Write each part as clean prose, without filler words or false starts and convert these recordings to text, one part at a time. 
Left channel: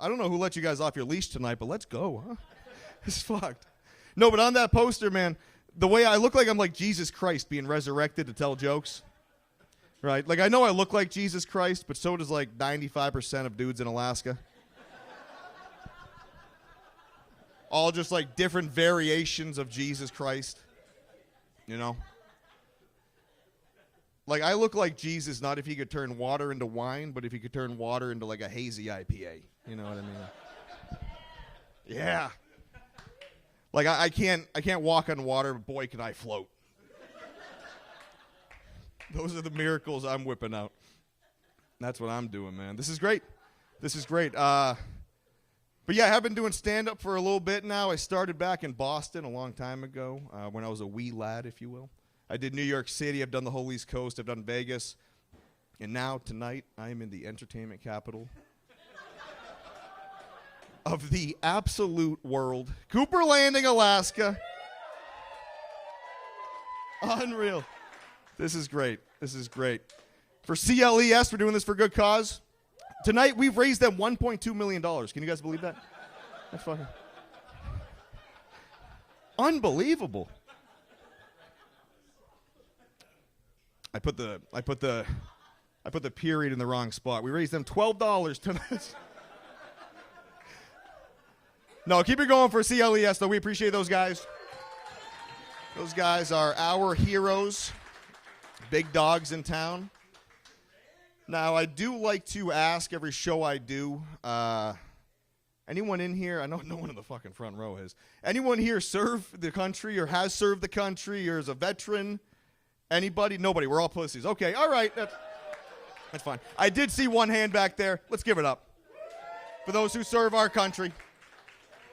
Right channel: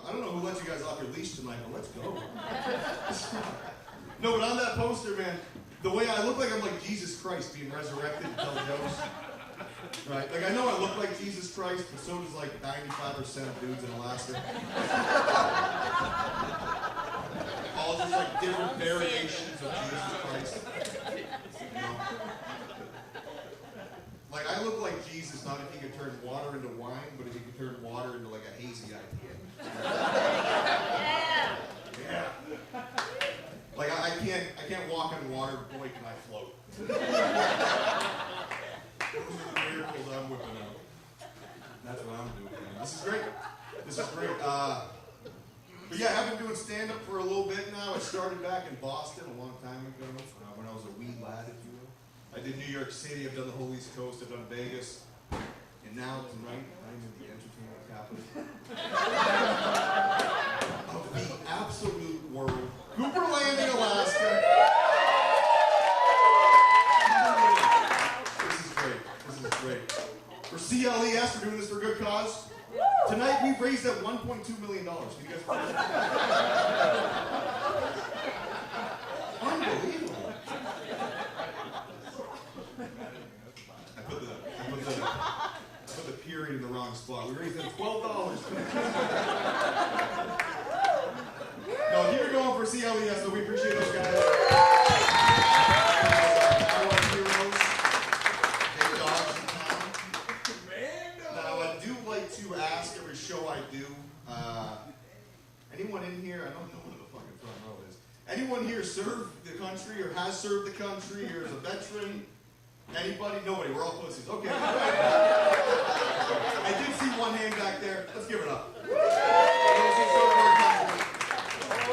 I don't know who let you guys off your leash tonight, but let's go. It's fun. No, but on that poster, man, the way I look like I'm like Jesus Christ being resurrected to tell jokes. Right? Like, I know I look like Jesus Christ, but so does like 95% of dudes in Alaska. All just like different variations of Jesus Christ. You know? Like, I look like Jesus not if he could turn water into wine, but if he could turn water into like a hazy IPA. Yeah. Like, I can't walk on water, boy, can I float. Those are the miracles I'm whipping out. And that's what I'm doing, man. This is great. This is great. But yeah, I have been doing stand-up for a little bit now. I started back in Boston a long time ago, when I was a wee lad, if you will. I did New York City, I've done the whole East Coast, I've done Vegas. And now, tonight, I'm in the entertainment capital of the absolute world. Cooper Landing, Alaska. Unreal. This is great. This is great. For CLES, we're doing this for a good cause. Tonight, we've raised that $1.2 million. Can you guys believe that? Unbelievable. I put the period in the wrong spot. We raised them $12 tonight. No, keep it going for CLES, though. We appreciate those guys. Those guys are our heroes. Big dogs in town. Now, I do like to ask every show I do, anyone in here, I know no one in the fucking front row is, anyone here serve the country or has served the country or is a veteran? Anybody? Nobody. We're all pussies. Okay, all right. I did see one hand back there. Let's give it up. For those who serve our country.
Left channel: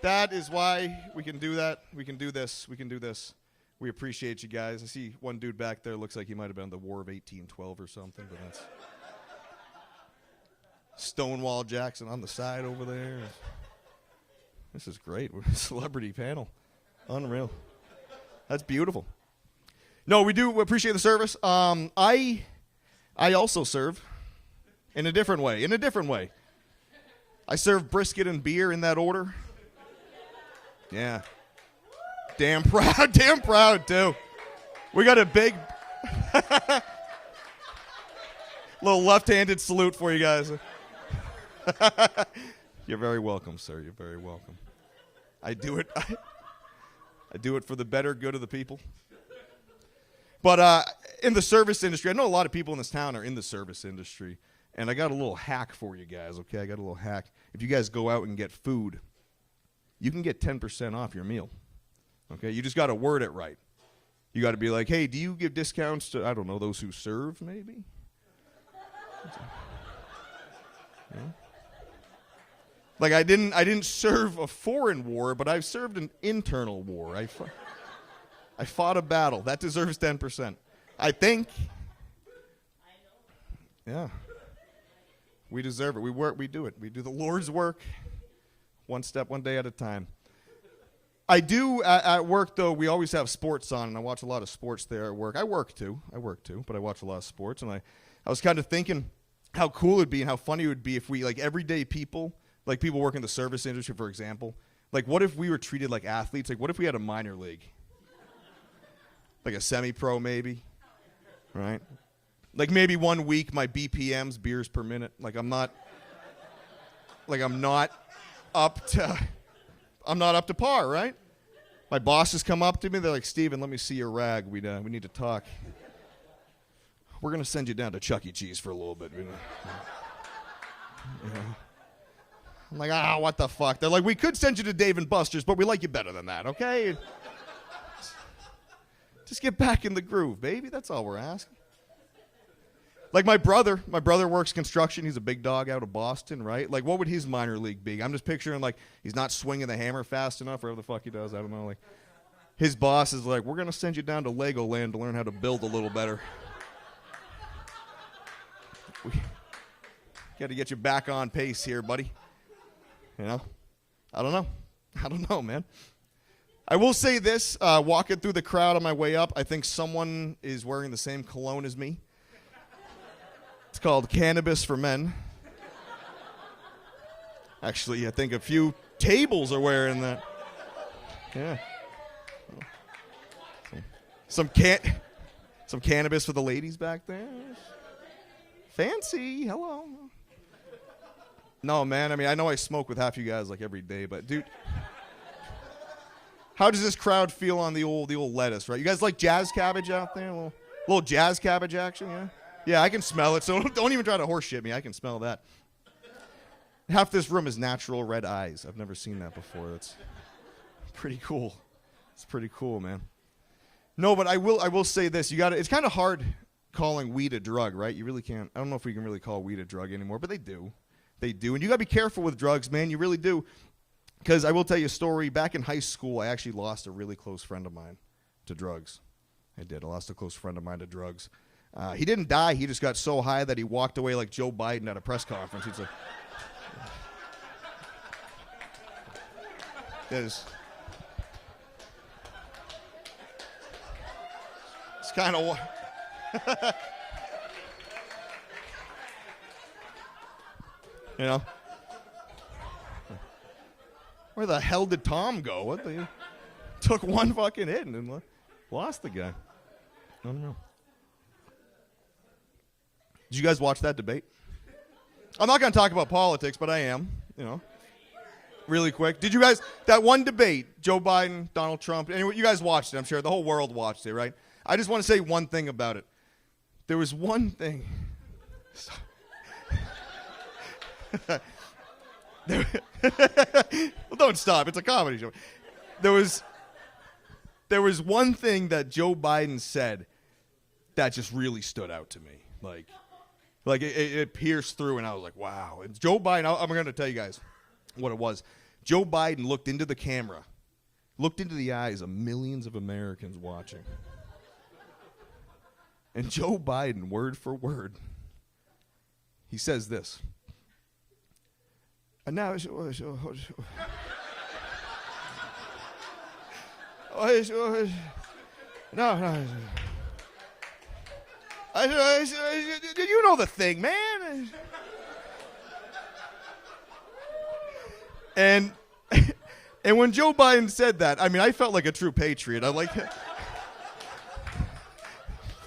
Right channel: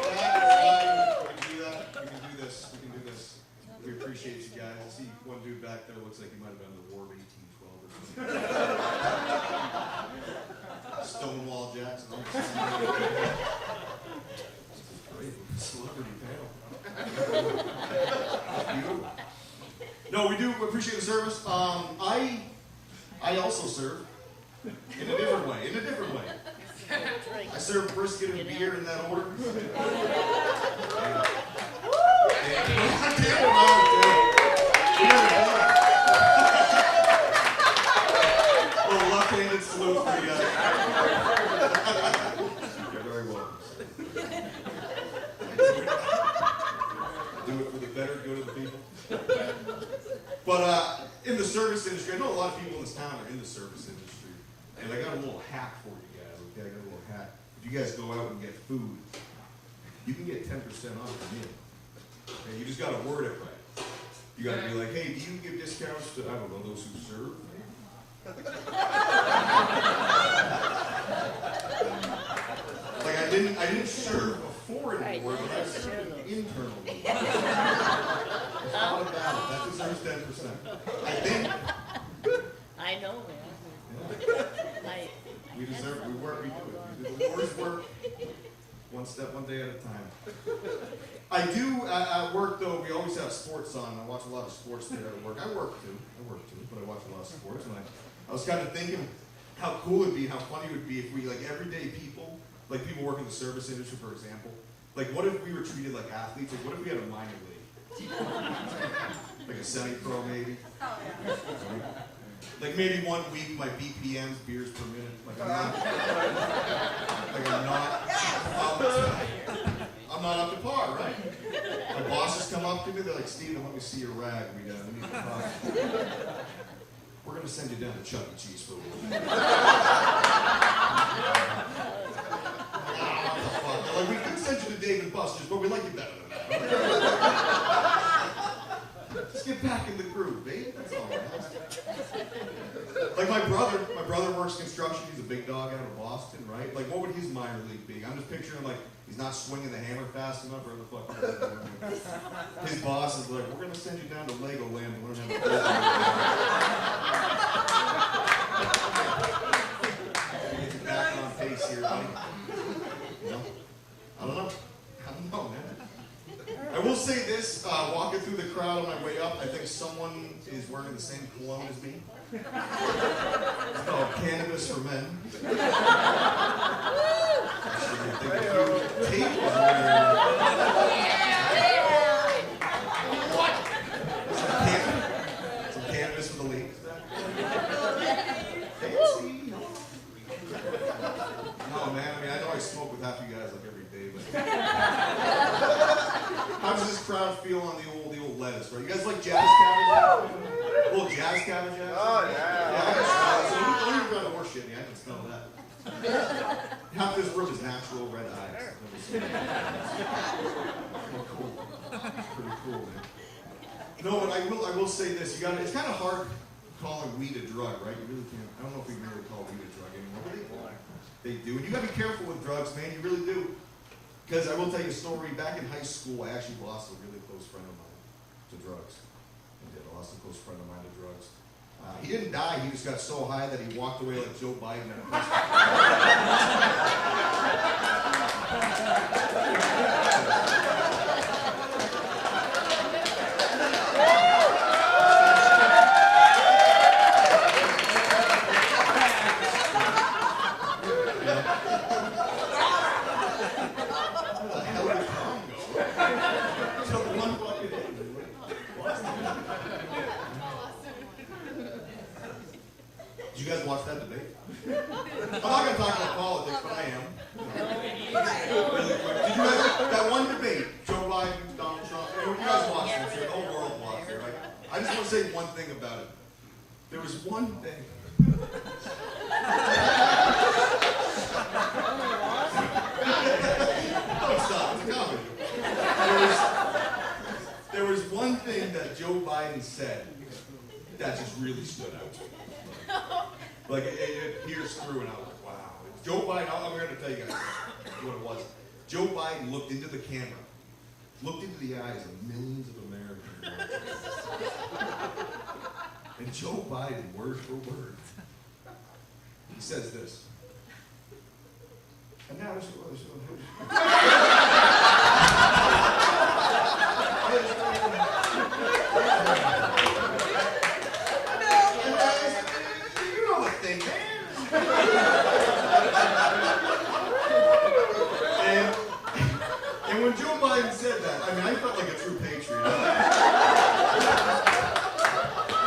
That is why we can do that. We can do this. We can do this. We appreciate you guys. I see one dude back there looks like he might have been in the War of 1812 or something. Stonewall Jackson on the side. This is great. We're a celebrity panel. Oh, that's beautiful. No, we do appreciate the service. I also serve in a different way. In a different way. I serve brisket and beer in that order. Yeah. Damn proud, too. We got a big little left-handed salute for you guys. You're very welcome, sir. You're very welcome. I do it for the better good of the people. But in the service industry, I know a lot of people in this town are in the service industry, and I got a little hack for you guys, okay? I got a little hack. If you guys go out and get food, you can get 10% off your meal. Okay, you just got to word it right. You got to be like, hey, do you give discounts to, I don't know, those who serve, maybe? Like, I didn't serve a foreign war, but I served an internal war. I fought a battle. That deserves 10%. I think. I know, man. Yeah. We deserve it. We work. We do it. We do the Lord's work, one step, one day at a time. I do at work though. We always have sports on, and I watch a lot of sports there at work. I work too, but I watch a lot of sports, and I was kind of thinking how cool it'd be and how funny it would be if we like everyday people, like people working in the service industry, for example. Like, what if we were treated like athletes? Like, what if we had a minor league? Like a semi-pro, maybe. Right? Like maybe 1 week my BPM's beers per minute. Like I'm not up to par, right? My bosses come up to me, they're like, Steven, let me see your rag. We need to talk. We're gonna send you down to Chuck E. Cheese for a little bit. I'm like, what the fuck? They're like, we could send you to Dave and Buster's, but we like you better than that, okay? Just get back in the groove, baby. That's all we're asking. Like my brother works construction. He's a big dog out of Boston, right? Like, what would his minor league be? I'm just picturing, like, he's not swinging the hammer fast enough, or whatever the fuck he does. I don't know. Like, his boss is like, we're going to send you down to Legoland to learn how to build a little thing. Got to get you back on pace here, buddy. You know? I don't know, man. I will say this, walking through the crowd on my way up, I think someone is wearing the same cologne as me. It's called Cannabis for Men. Actually, I think a few tables are wearing that. Yeah. Some cannabis for the ladies back there. Fancy, hello. No, man, I mean, I know I smoke with half you guys like every day, but dude, how does this crowd feel on the old lettuce, right? You guys like jazz cabbage out there? A little jazz cabbage action? Oh, yeah. Yeah, I can smell it, so don't even try to horse shit me, I can smell that. Half this room is natural red eyes. I've never seen that before. It's pretty cool. It's pretty cool, man. No, but I will say this. It's kind of hard calling weed a drug, right? You really can't. I don't know if we can really call weed a drug anymore, but they do. They do. And you got to be careful with drugs, man. You really do. Because I will tell you a story. Back in high school, I actually lost a really close friend of mine to drugs. I did. I lost a close friend of mine to drugs. He didn't die. He just got so high that he walked away like Joe Biden at a press conference. Yeah. Where the hell did Tom go? Took one fucking hit and lost again. Did you guys watch that debate? I'm not going to talk about politics, but I am. You know, really quick. Did you guys, that one debate, Joe Biden, Donald Trump, and you guys watched it, I'm sure. The whole world watched it, right? I just want to say one thing about it. There was one thing. Don't stop, it's a comedy show. There was one thing that Joe Biden said that just really stood out to me. Like it pierced through, and I was like, wow. It's Joe Biden, I'm going to tell you guys what it was. Joe Biden looked into the camera, looked into the eyes of millions of Americans watching. And Joe Biden, word for word, he says this. And now you know the thing, man. And when Joe Biden said that, I mean, I felt like a true patriot. I'm like,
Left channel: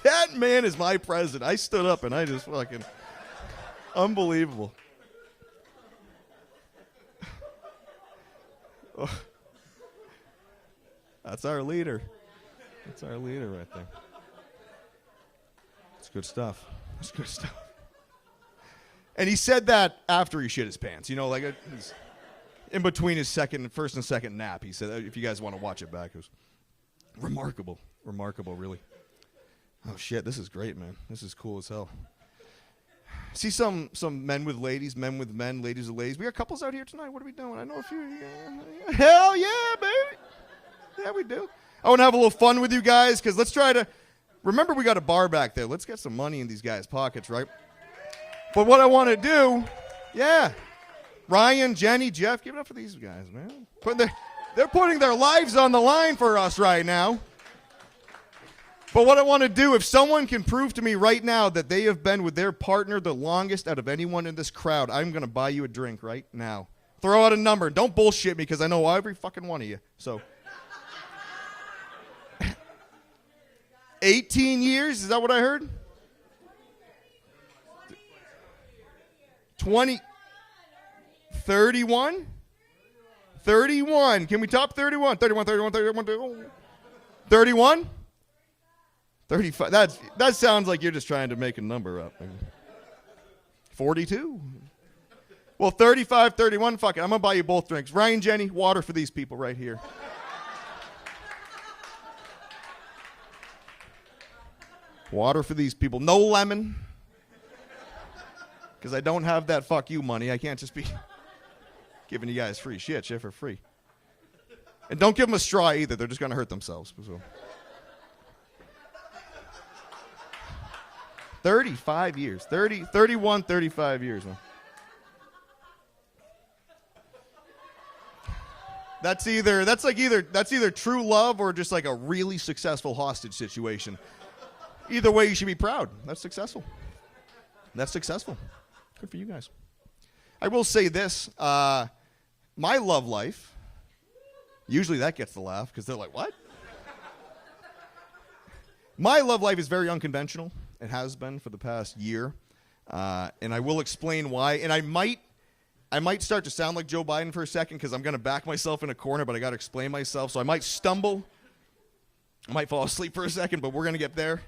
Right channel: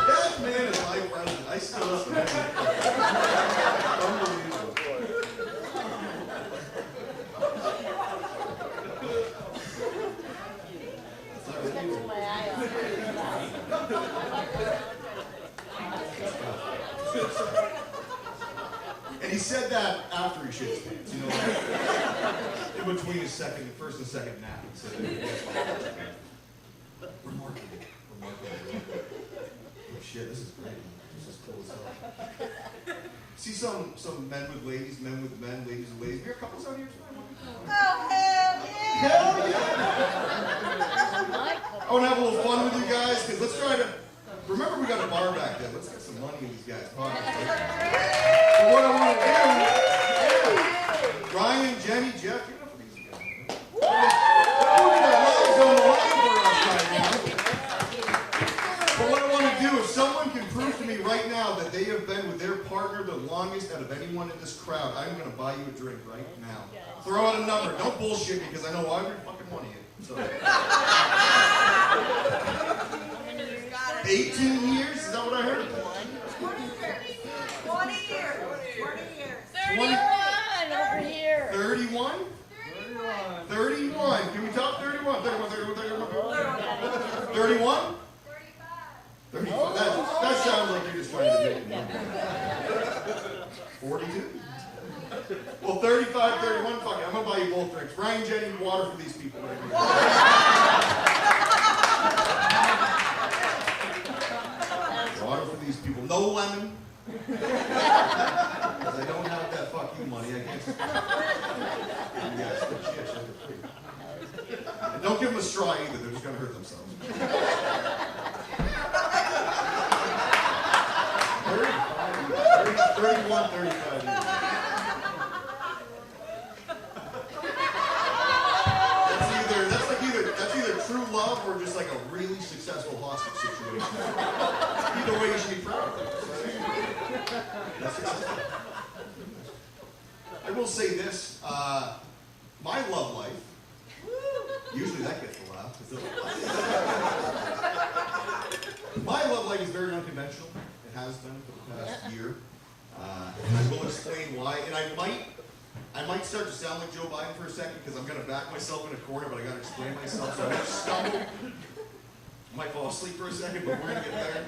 that man is my president. I stood up and I just fucking, unbelievable. That's our leader. Good stuff. Good stuff. And he said that after he shit his pants, you know, like in between his first and second nap. He said, if you guys want to watch it back, remarkable, really. Oh shit, this is great, man. This is cool as hell. See some men with ladies, men with men, ladies with ladies. We got couples out here tonight. What are we doing? Hell yeah, man. I want to have a little fun with you guys, because let's try to. Remember, we got a bar back there. Let's get some money in these guys' pockets, right? But what I want to do, yeah. Ryan, Jenny, Jeff, give it up for these guys, man. But they're putting their lives on the line for us right now. But what I want to do, if someone can prove to me right now that they have been with their partner the longest out of anyone in this crowd, I'm going to buy you a drink right now. Throw out a number. Don't bullshit me, because I know every fucking one of you. So. 18 years? Is that what I heard? 20 years. 20. Over here. 31? 31. Can we top 31? 31. 31? 35. That sounds like you're just trying to make a number. 42? Well, 35, 31, fuck it. I'm going to buy you both drinks. Ryan, Jenny, water for these people right here. Water for these people. No lemon. Because I don't have that fuck you money. I can't just be giving you guys free shit for free. And don't give them a straw either. They're just going to hurt themselves. 35 years. 31, 35 years. That's either true love or just like a really successful hostage situation. Either way, you should be proud. That's successful. That's successful. Good for you guys. I will say this. My love life, usually that gets the laugh, because they're like, what? My love life is very unconventional. It has been for the past year. And I will explain why. And I might start to sound like Joe Biden for a second, because I'm going to back myself in a corner, but I got to explain myself. So I might stumble. I might fall asleep for a second, but we're going to get there.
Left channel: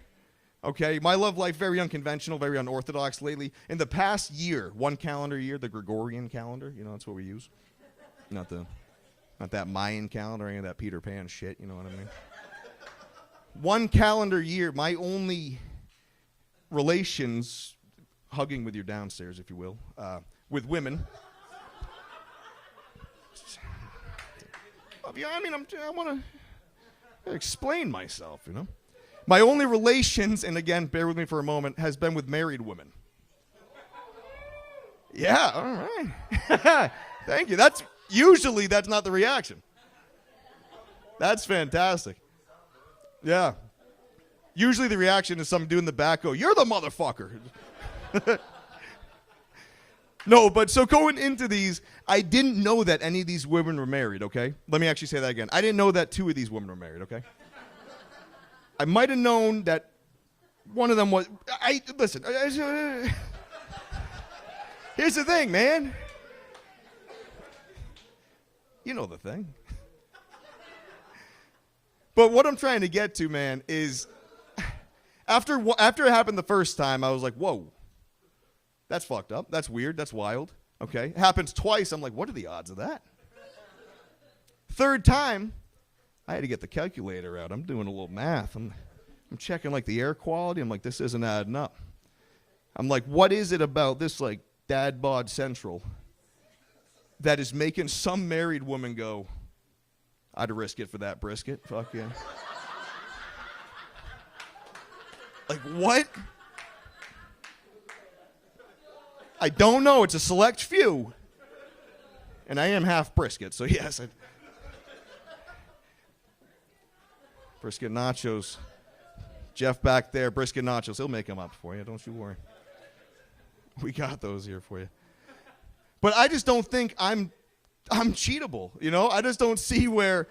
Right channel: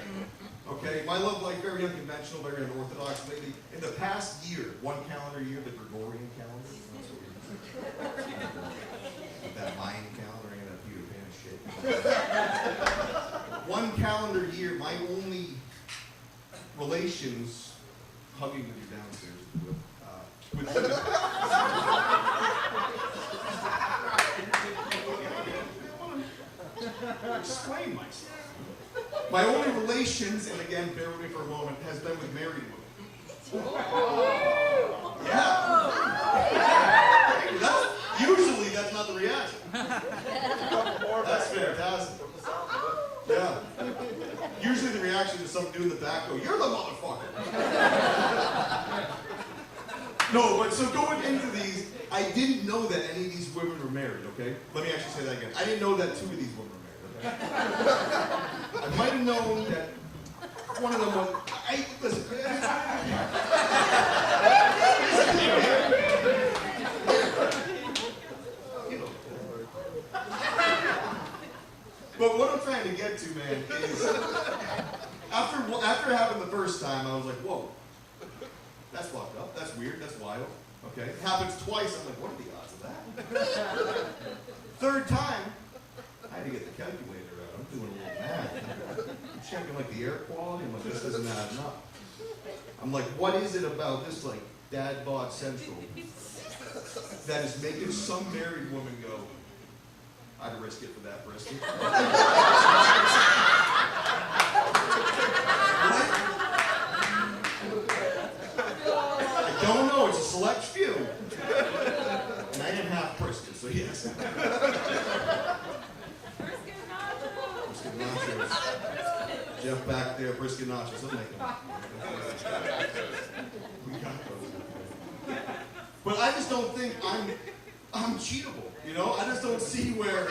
Okay, my love life, very unconventional, very unorthodox lately. In the past year, one calendar year, the Gregorian calendar, that's what we use. Not that Mayan calendar, any of that Peter Pan shit. One calendar year, my only relations, hugging with your downstairs, if you will, with women. I want to explain myself, My only relations, and again, bear with me for a moment, has been with married women. Yeah. Thank you. Usually that's not the reaction. That's fantastic. Yeah. Usually the reaction is some dude in the back go, "You're the motherfucker." No, but so going into these, I didn't know that any of these women were married, okay? Let me actually say that again. I didn't know that 2 of these women were married, okay? I might have known that one of them was. Listen. Here's the thing, man. You know the thing. But what I'm trying to get to, man, is after it happened the first time, I was like, whoa, that's fucked up. That's weird. That's wild. Okay. Happens twice. I'm like, what are the odds of that? Third time, I had to get the calculator out. I'm doing a little math. And I'm checking like the air quality. I'm like, this isn't adding up. I'm like, what is it about this like dad bod central that is making some married woman go, I'd risk it for that brisket? What? I don't know. It's a select few. And I am half brisket, so yes. Brisket nachos. Jeff back there, brisket nachos. He'll make them up for you. We got those here for you. But I just don't think I'm cheatable, I just don't see where.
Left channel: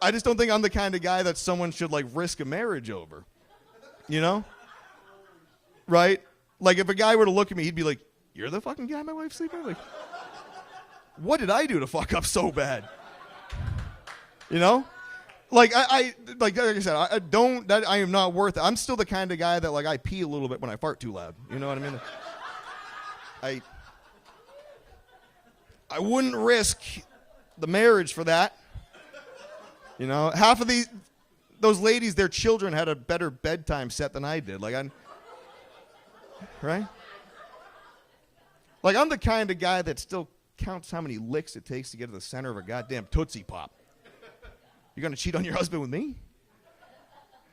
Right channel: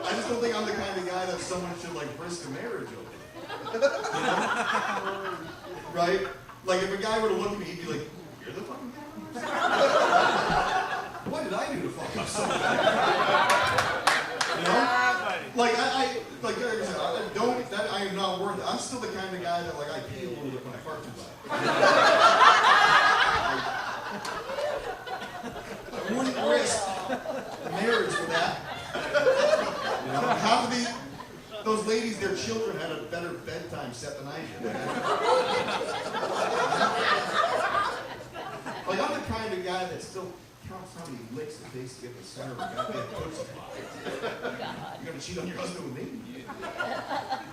I just don't think I'm the kind of guy that someone should like risk a marriage over. Right? Like if a guy were to look at me, he'd be like, "You're the fucking guy my wife's sleeping with?" What did I do to fuck up so bad? Like like I said, I am not worth it. I'm still the kind of guy that like I pee a little bit when I fart too loud. I wouldn't risk the marriage for that. Half of those ladies, their children had a better bedtime set than I did. Right? Like I'm the kind of guy that still counts how many licks it takes to get to the center of a goddamn Tootsie Pop. You're gonna cheat on your husband with me?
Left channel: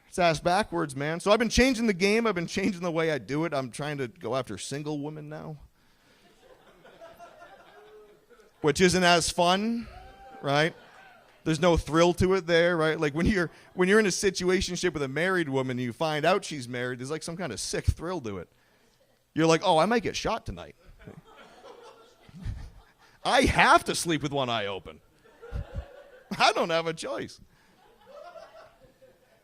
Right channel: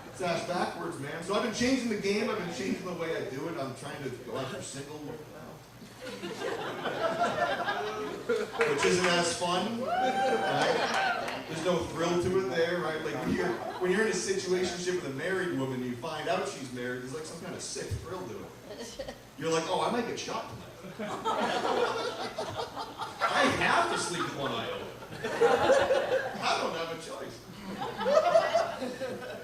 It's ass backwards, man. So I've been changing the game. I've been changing the way I do it. I'm trying to go after single women now. Which isn't as fun, right? There's no thrill to it there, right? Like when you're in a situationship with a married woman and you find out she's married, there's like some kind of sick thrill to it. You're like, oh, I might get shot tonight. I have to sleep with one eye open. I don't have a choice.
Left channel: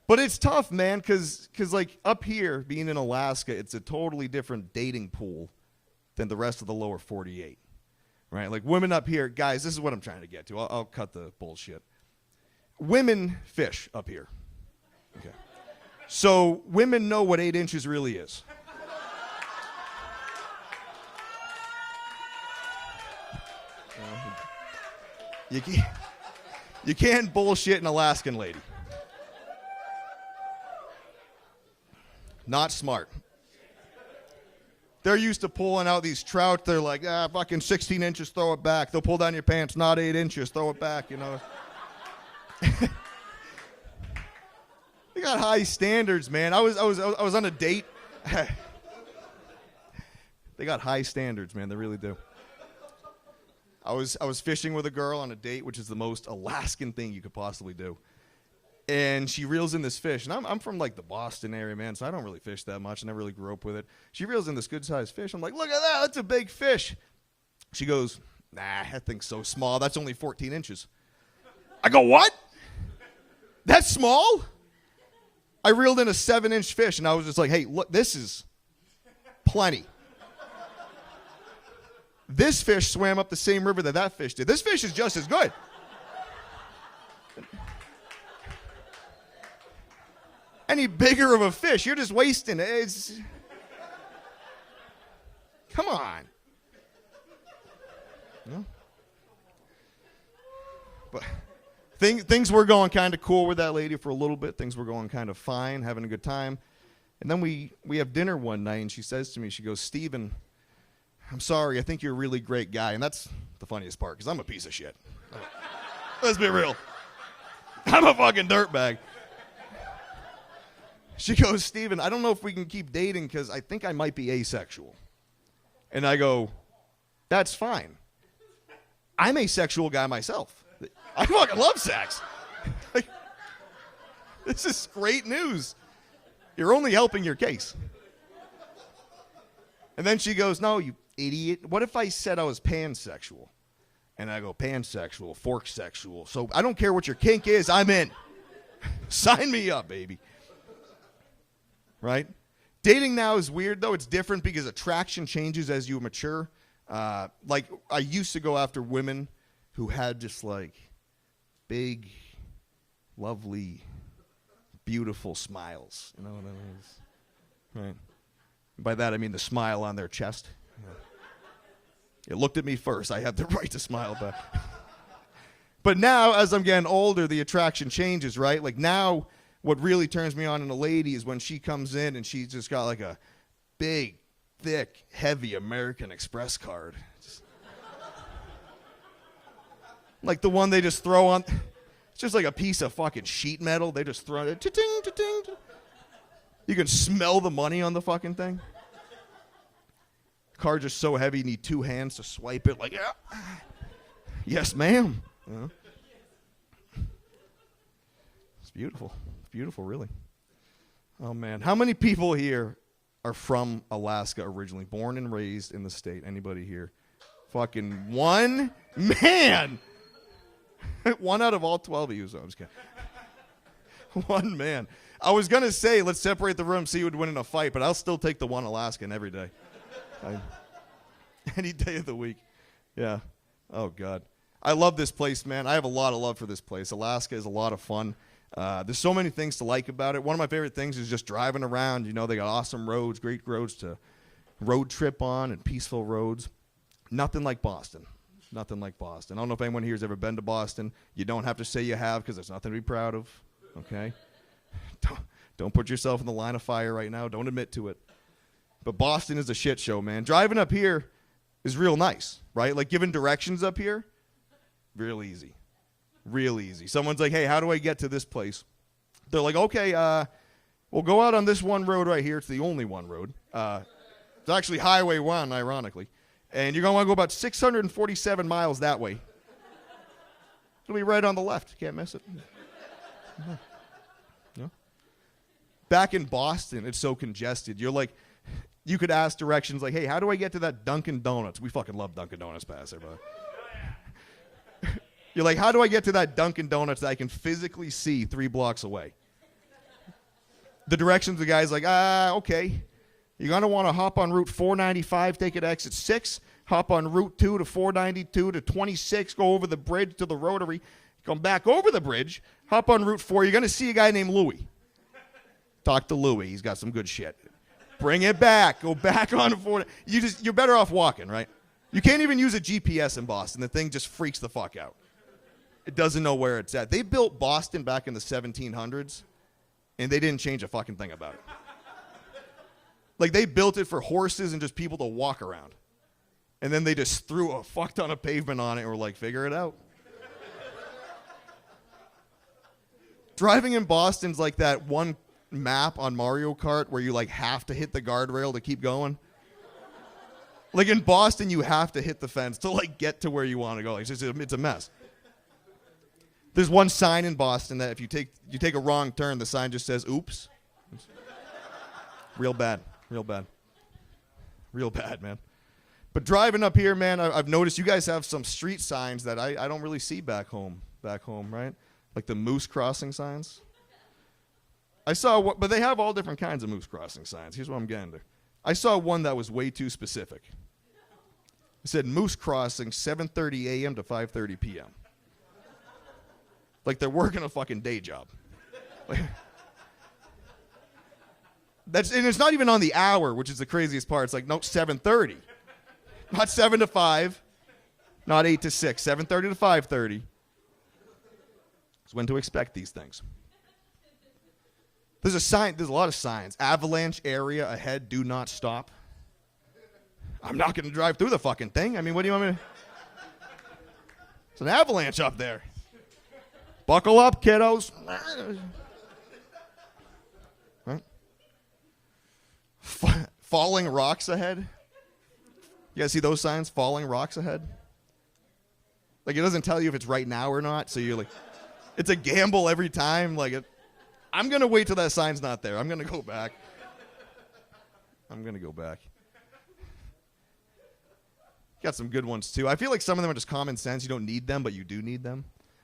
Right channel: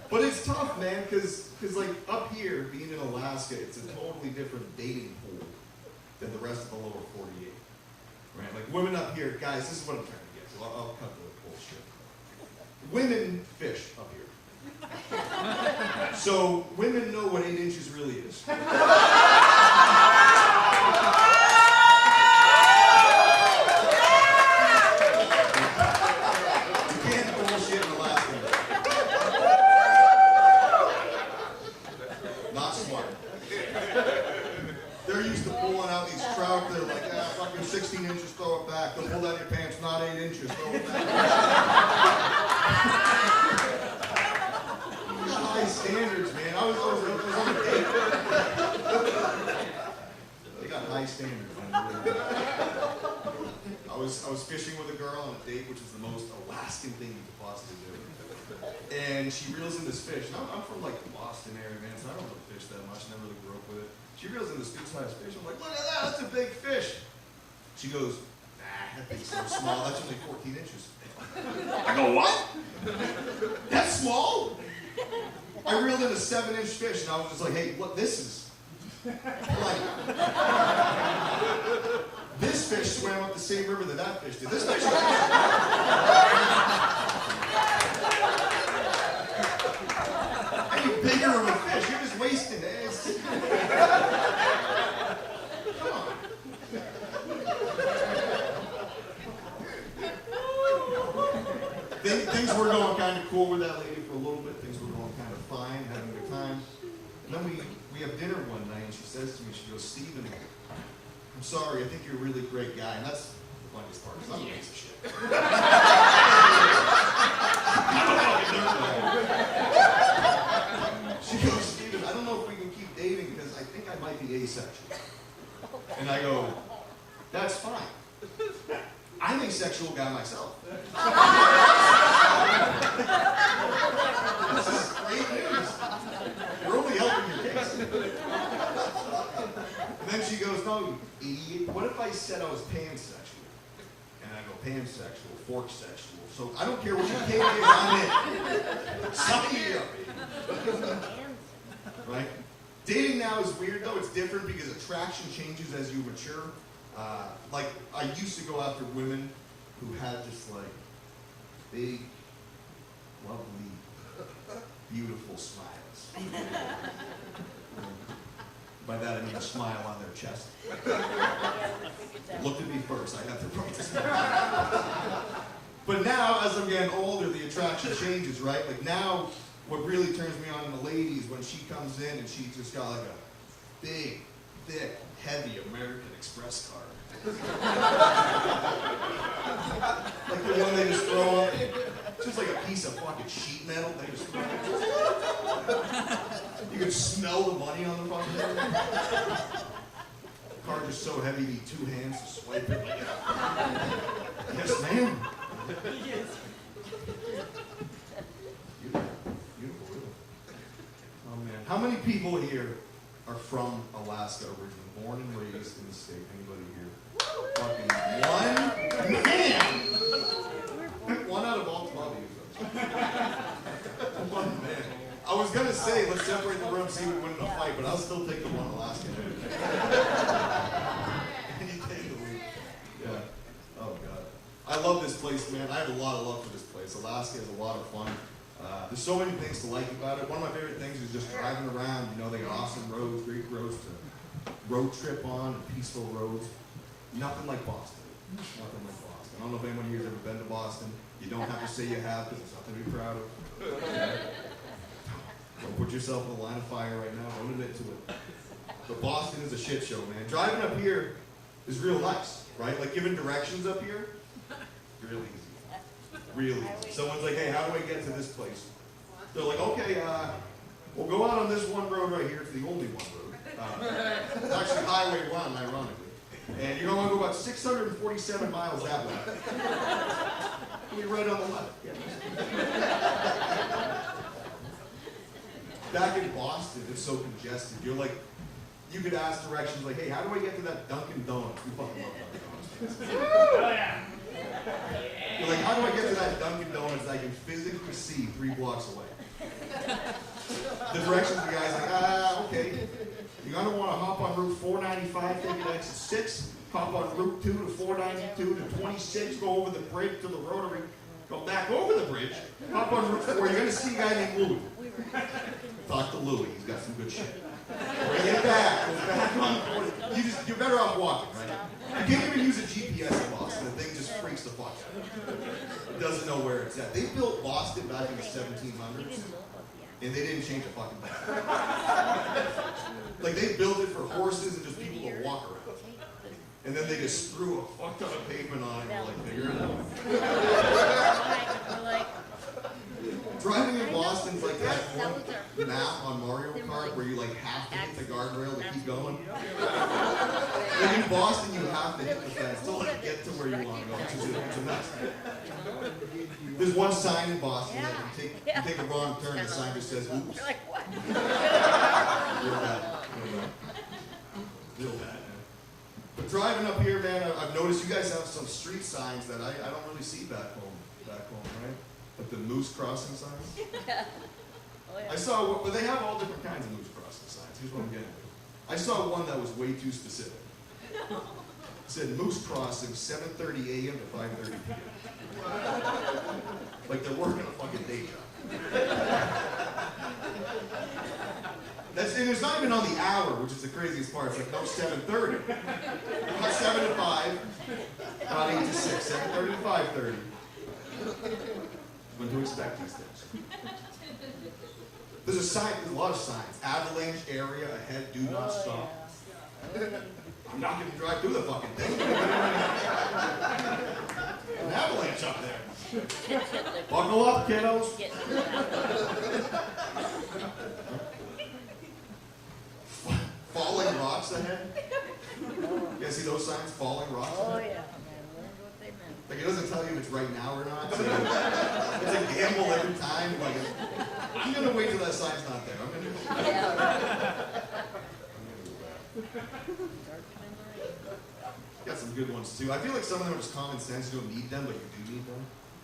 But it's tough, man, because like up here, being in Alaska, it's a totally different dating pool than the rest of the lower 48. Right? Like women up here, guys, this is what I'm trying to get to. I'll cut the bullshit. Women fish up here. So women know what 8 inches really is. You can't bullshit an Alaskan lake. Not smart. They're used to pulling out these trout. They're like, fucking 16 inches, throw it back. They'll pull down your pants, not 8 inches, throw it back. We got high standards, man. I was on a date. They got high standards, man. They really do. I was fishing with a girl on a date, which is the most Alaskan thing you could possibly do. And she reels in this fish, and I'm from like the Boston area, man, so I don't really fish that much. I never really grew up with it. She reels in this good-sized fish. I'm like, look at that, that's a big fish. She goes, nah, that thing's so small. That's only 14 inches. I go, what? That's small? I reeled in a 7-inch fish, and I was just like, hey, look, this is plenty. This fish swam up the same river that fish did. This fish is just as good. Any bigger of a fish, you're just wasting it. Come on. Things were going kind of cool with that lady for a little bit. Things were going kind of fine, having a good time. And then we have dinner one night, and she says to me, she goes, Steven, I'm sorry, I think you're a really great guy. And that's the funniest part, because I'm a piece of shit. Let's be real. I'm a fucking dirtbag. She goes, Steven, I don't know if we can keep dating because I think I might be asexual. And I go, that's fine. I'm an asexual guy myself. I love sex. This is great news. You're only helping your case. And then she goes, no, you idiot. What if I said I was pansexual? And I go, pansexual, fork sexual. So I don't care what your kink is, I'm in. Sign me up, baby. Right? Dating now is weird, though. It's different because attraction changes as you mature. Like, I used to go after women who had just, like, big, lovely, beautiful smiles. Right. By that, I mean the smile on their chest. It looked at me first. I had the right to smile. But now, as I'm getting older, the attraction changes, right? Like, now, what really turns me on in a lady is when she comes in and she's just got like a big, thick, heavy American Express card. Like the one they just throw on, it's just like a piece of fucking sheet metal. They just throw it. You can smell the money on the fucking thing. Card's just so heavy you need 2 hands to swipe it. Like, yeah. Yes, ma'am. It's beautiful. Beautiful, really. Oh, man. How many people here are from Alaska originally? Born and raised in the state? Anybody here? Fucking one? Man! 1 out of all 12 of you, so I was kidding. 1 man. I was going to say, let's separate the room, see who would win in a fight, but I'll still take the one Alaskan every day. Any day of the week. Yeah. Oh, God. I love this place, man. I have a lot of love for this place. Alaska is a lot of fun. There's so many things to like about it. One of my favorite things is just driving around. You know, they got awesome roads, great roads to road trip on, and peaceful roads. Nothing like Boston. Nothing like Boston. I don't know if anyone here has ever been to Boston. You don't have to say you have, because there's nothing to be proud of. Okay? Don't put yourself in the line of fire right now. Don't admit to it. But Boston is a shit show, man. Driving up here is real nice, right? Like giving directions up here, real easy. Real easy. Someone's like, hey, how do I get to this place? They're like, okay, we'll go out on this one road right here. It's the only one road. It's actually Highway 1, ironically. And you're going to want to go about 647 miles that way. It'll be right on the left. Can't miss it. Back in Boston, it's so congested. You're like, you could ask directions like, hey, how do I get to that Dunkin' Donuts? We fucking love Dunkin' Donuts, Bassett. You're like, how do I get to that Dunkin' Donuts that I can physically see 3 blocks away? The directions, the guy's like, okay. You're going to want to hop on Route 495, take it to exit 6, hop on Route 2 to 492 to 26, go over the bridge to the Rotary, come back over the bridge, hop on Route 4. You're going to see a guy named Louie. Talk to Louie. He's got some good shit. Bring it back. Go back on 4. You're better off walking, right? You can't even use a GPS in Boston. The thing just freaks the fuck out. It doesn't know where it's at. They built Boston back in the 1700s, and they didn't change a fucking thing about it. Like, they built it for horses and just people to walk around. And then they just threw a fuck ton of pavement on it and were like, figure it out. Driving in Boston's like that one map on Mario Kart where you like have to hit the guardrail to keep going. Like in Boston, you have to hit the fence to like get to where you want to go. It's a mess. There's one sign in Boston that if you take a wrong turn, the sign just says, oops. Real bad. Real bad. Real bad, man. But driving up here, man, I've noticed you guys have some street signs that I don't really see back home, right? Like the moose crossing signs. I saw, but they have all different kinds of moose crossing signs. Here's what I'm getting to. I saw one that was way too specific. It said moose crossing 7:30 a.m. to 5:30 p.m. Like they're working a fucking day job. And it's not even on the hour, which is the craziest part. It's like, nope, 7:30. Not 7 to 5, not 8 to 6, 7:30 to 5:30. It's when to expect these things. There's a lot of signs. Avalanche area ahead, do not stop. I'm not gonna drive through the fucking thing. I mean, what do you want me to... There's an avalanche up there. Buckle up, kiddos. Huh? Falling rocks ahead. You guys see those signs? Falling rocks ahead? Oh, yeah. What they meant. Like, it doesn't tell you if it's right now or not, so it's a gamble every time. Like, I'm gonna wait till that sign's not there. I'm gonna go back. I'm gonna go back. Got some good ones too. I feel like some of them are just common sense. You don't need them, but you do need them,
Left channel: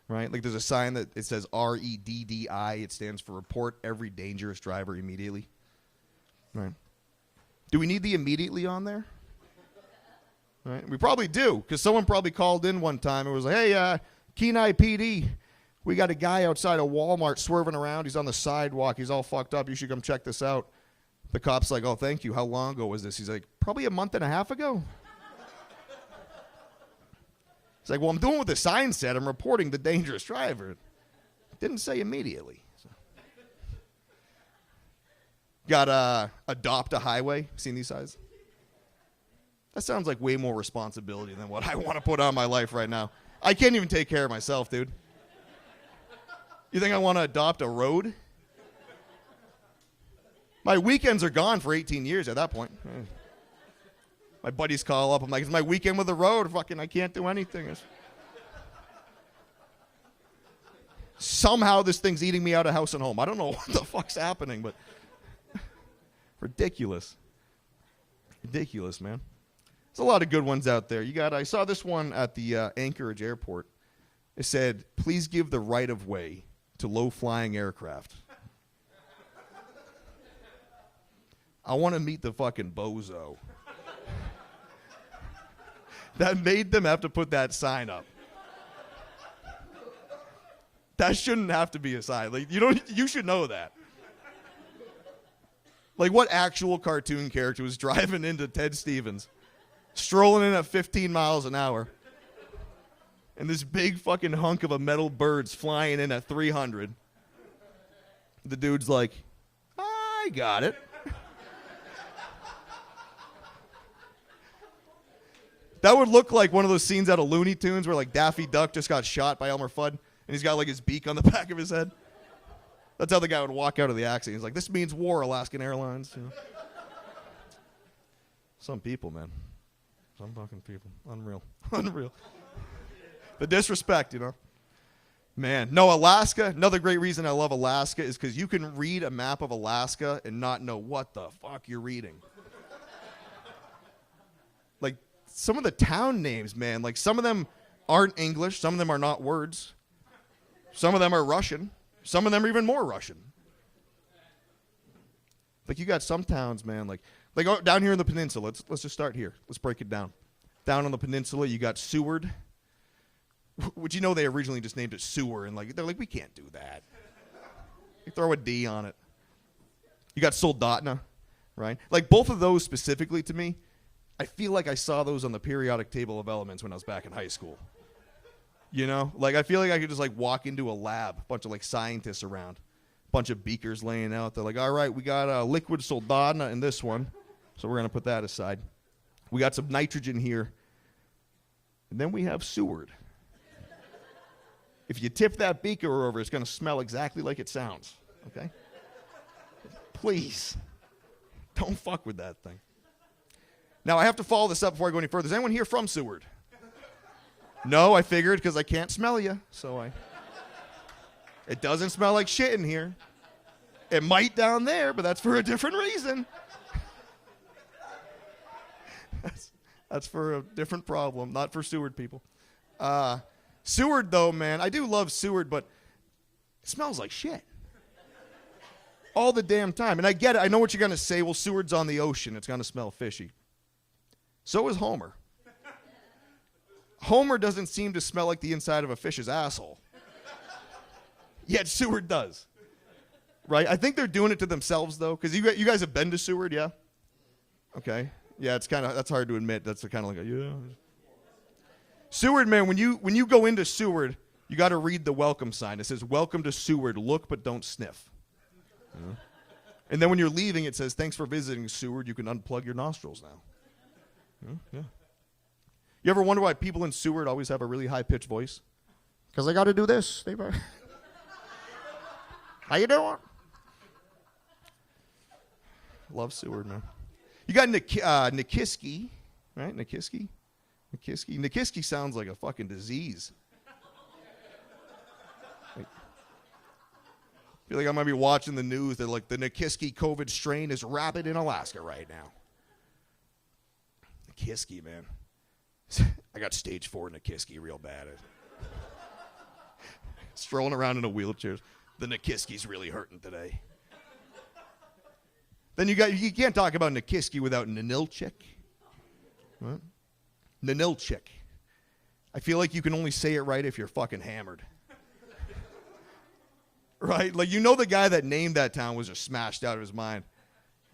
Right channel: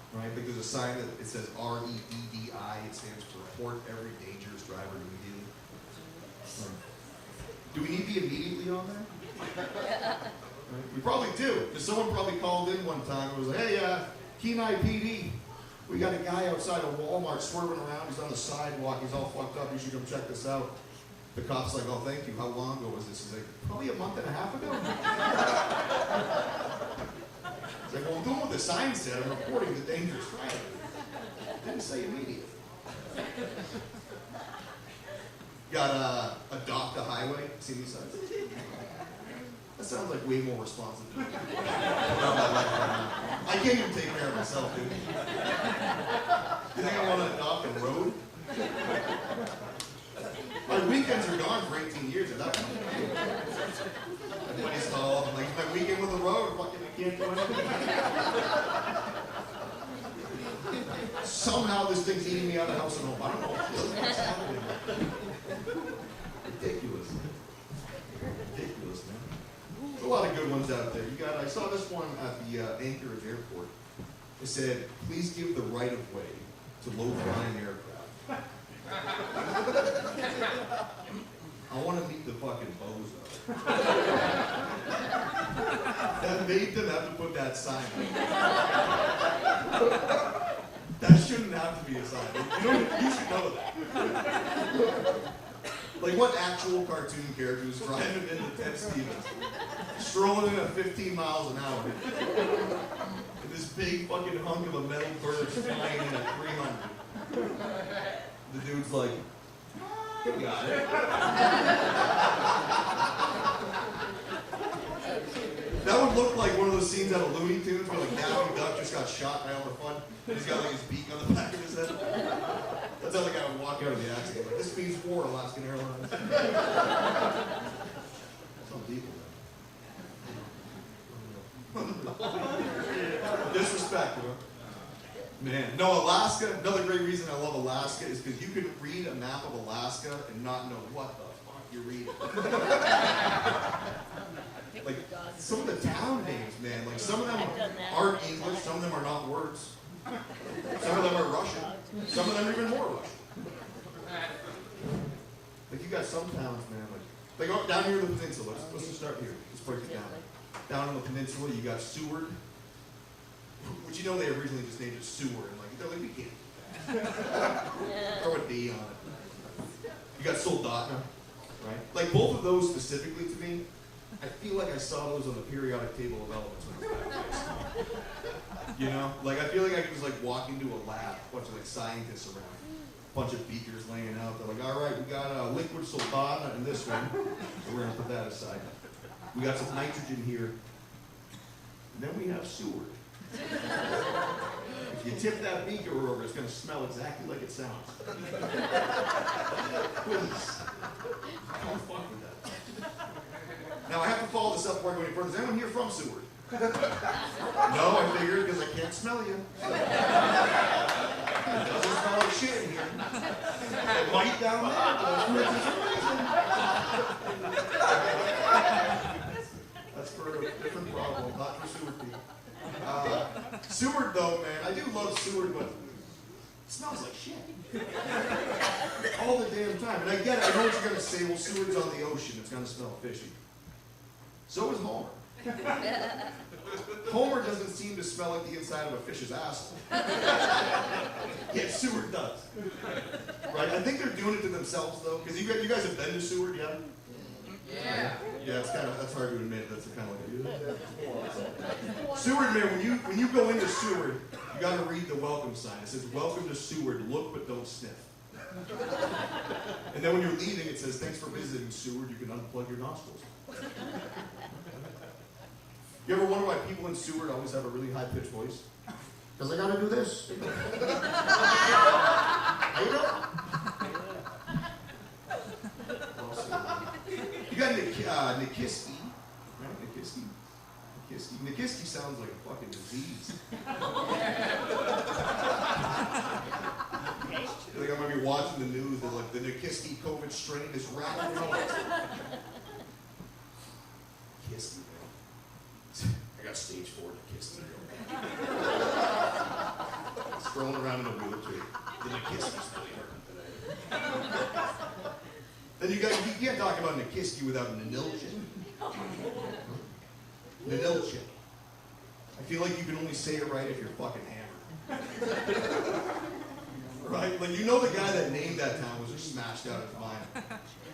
right? Like there's a sign that it says REDDI. It stands for Report Every Dangerous Driver Immediately. Right. Do we need the immediately on there? Right. We probably do, because someone probably called in one time and was like, "Hey, Kenai PD, we got a guy outside of Walmart swerving around. He's on the sidewalk. He's all fucked up. You should come check this out." The cop's like, "Oh, thank you. How long ago was this?" He's like, "Probably a month and a half ago." It's like, "Well, I'm doing what the sign said. I'm reporting the dangerous driver." Didn't say immediately. Got adopt a highway. Seen these signs? That sounds like way more responsibility than what I want to put on my life right now. I can't even take care of myself, dude. You think I want to adopt a road? My weekends are gone for 18 years at that point. My buddies call up. I'm like, "It's my weekend with the road. Fucking, I can't do anything." Somehow this thing's eating me out of house and home. I don't know what the fuck's happening, but ridiculous. Ridiculous, man. There's a lot of good ones out there. I saw this one at the Anchorage Airport. It said, "Please give the right of way to low-flying aircraft." I want to meet the fucking bozo that made them have to put that sign up. That shouldn't have to be a sign. Like, you should know that. Like, what actual cartoon character was driving into Ted Stevens, strolling in at 15 miles an hour, and this big fucking hunk of a metal bird's flying in at 300? The dude's like, "I got it." That would look like one of those scenes out of Looney Tunes where like Daffy Duck just got shot by Elmer Fudd, and he's got like his beak on the back of his head. That's how the guy would walk out of the accident. He's like, "This means war, Alaskan Airlines." Some people, man. Unreal. The disrespect, you know. Man, no, Alaska, another great reason I love Alaska is because you can read a map of Alaska and not know what the fuck you're reading. Like, some of the town names, man, like some of them aren't English, some of them are not words. Some of them are Russian, some of them are even more Russian. Like, you got some towns, man, like down here in the peninsula, let's just start here. Let's break it down. Down on the peninsula, you got Seward. Which, you know, they originally just named it Sewer, and they're like, we can't do that. Throw a D on it. You got Soldotna, right? Like, both of those specifically to me, I feel like I saw those on the periodic table of elements when I was back in high school. You know? Like, I feel like I could just, like, walk into a lab, a bunch of, like, scientists around, a bunch of beakers laying out. They're like, "All right, we got liquid Soldotna in this one, so we're going to put that aside. We got some nitrogen here. And then we have Seward. If you tip that beaker over, it's going to smell exactly like it sounds. Please, don't fuck with that. Now, I have to follow this up before I go any further. Is anyone here from Seward? No, I figured, because I can't smell you. So. It doesn't smell like shit in here. It might down there, but that's for a different reason. That's for a different problem, not for Seward people. Seward, though, man, I do love Seward, but it smells like shit. All the damn time. And I get it. I know what you're going to say. Well, Seward's on the ocean. It's going to smell fishy. So is Homer. Homer doesn't seem to smell like the inside of a fish's asshole. Yet Seward does. Right? I think they're doing it to themselves, though, because you guys have been to Seward, yeah? Okay. Yeah, that's hard to admit. That's kind of like a, yeah. Seward, man, when you go into Seward, you got to read the welcome sign. It says, "Welcome to Seward. Look, but don't sniff." And then when you're leaving, it says, "Thanks for visiting Seward. You can unplug your nostrils now." Okay. You ever wonder why people in Seward always have a really high-pitched voice? Because they got to do this. How you doing? Love Seward, man. You got Nikiski, right? Nikiski. Nikiski sounds like a fucking disease. I feel like I might be watching the news that like the Nikiski COVID strain is rapid in Alaska. Nikiski, man. I got stage 4 Nikiski real bad. Strolling around in a wheelchair. The Nikiski's really hurting today. Then you can't talk about Nikiski without Nanilchik. Nanilchik. I feel like you can only say it right if you're fucking hammered. Right? Like, you know the guy that named that town was just smashed out of his mind.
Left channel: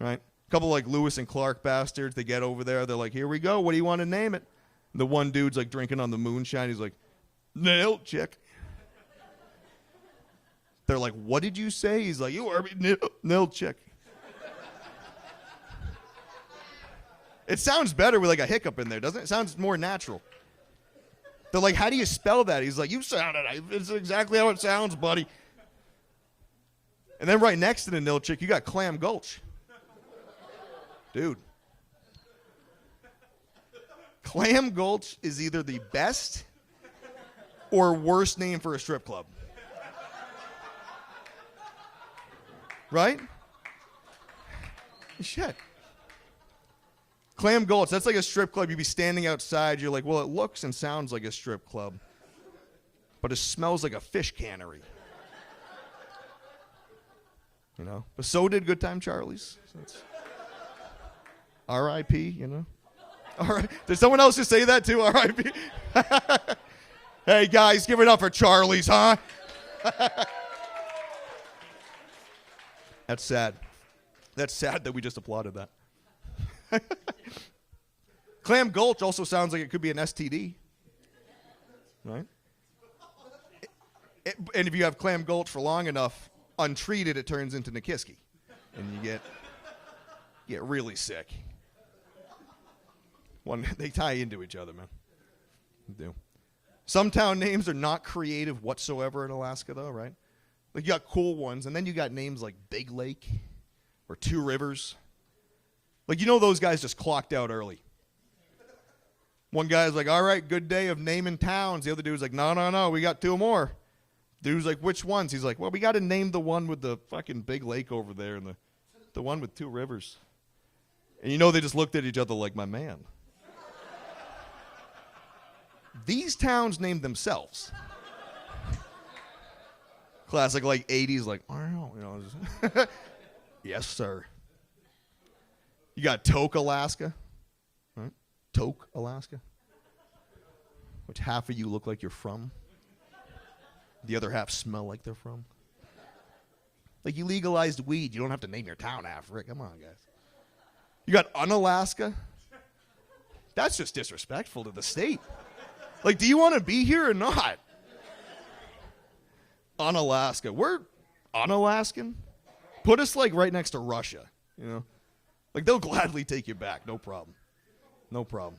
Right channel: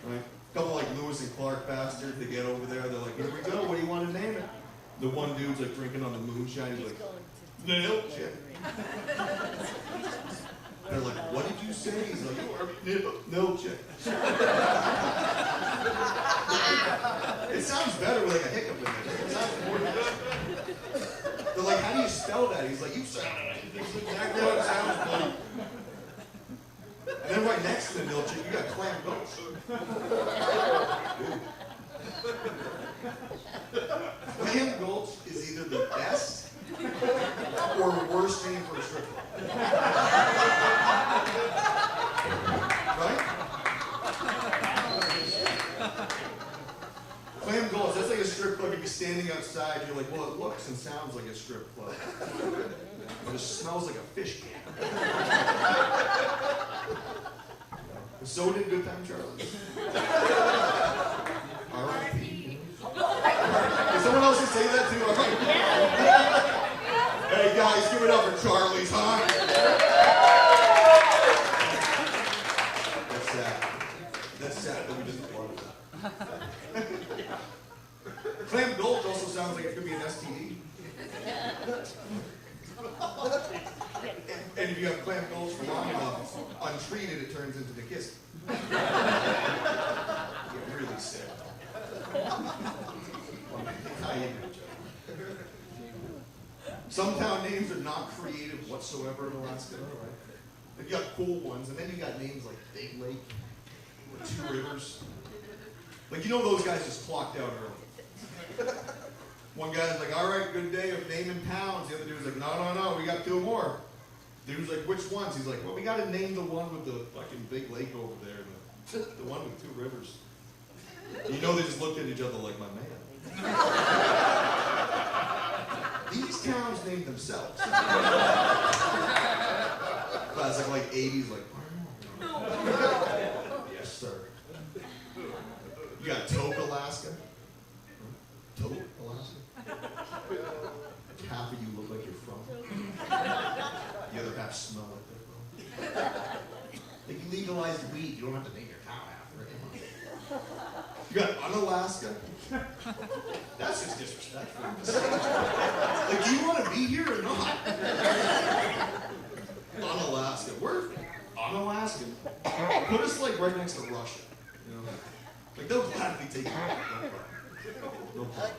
Right? A couple like Lewis and Clark bastards, they get over there, they're like, "Here we go, what do you want to name it?" The one dude's like drinking on the moonshine, he's like, "Nanilchik." They're like, "What did you say?" He's like, "You are Nanilchik." It sounds better with like a hiccup in there, doesn't it? It sounds more natural. They're like, "How do you spell that?" He's like, "You sounded it. This is exactly how it sounds, buddy." And then right next to the Nanilchik, you got Clam Gulch. Dude. Clam Gulch is either the best or worst name for a strip club. Right? Shit. Clam Gulch, that's like a strip club. You'd be standing outside, you're like, well, it looks and sounds like a strip club, but it smells like a fish cannery. You know? But so did Good Time Charlie's. R.I.P., you know? Did someone else just say that too? R.I.P.? Hey guys, give it up for Charlie's, huh? That's sad. That's sad that we just applauded that. Clam Gulch also sounds like it could be an STD. Right? And if you have Clam Gulch for long enough, untreated, it turns into Nikiski. Get really sick. They tie into each other. Some town names are not creative whatsoever in Alaska, though, right? Like, you got cool ones, and then you got names like Big Lake or Two Rivers. Like, you know those guys just clocked out early. One guy's like, "All right, good day of naming towns." The other dude's like, no, we got 2 more. Dude's like, "Which ones?" He's like, "Well, we got to name the one with the fucking big lake over there and the one with 2 rivers." And you know they just looked at each other like, "My man." These towns named themselves. Classic like 80s, like, "Yes, sir." You got Tok, Alaska. Huh? Tok, Alaska. Which half of you look like you're from. The other half smell like they're from. Like, you legalized weed. You don't have to name your town after it. Come on. You got Unalaska. That's just disrespectful in the state. Like, do you want to be here or not? Unalaska. We're Unalaskan. Put us, like, right next to Russia, you know? Like, they'll gladly take you back. No problem. No problem.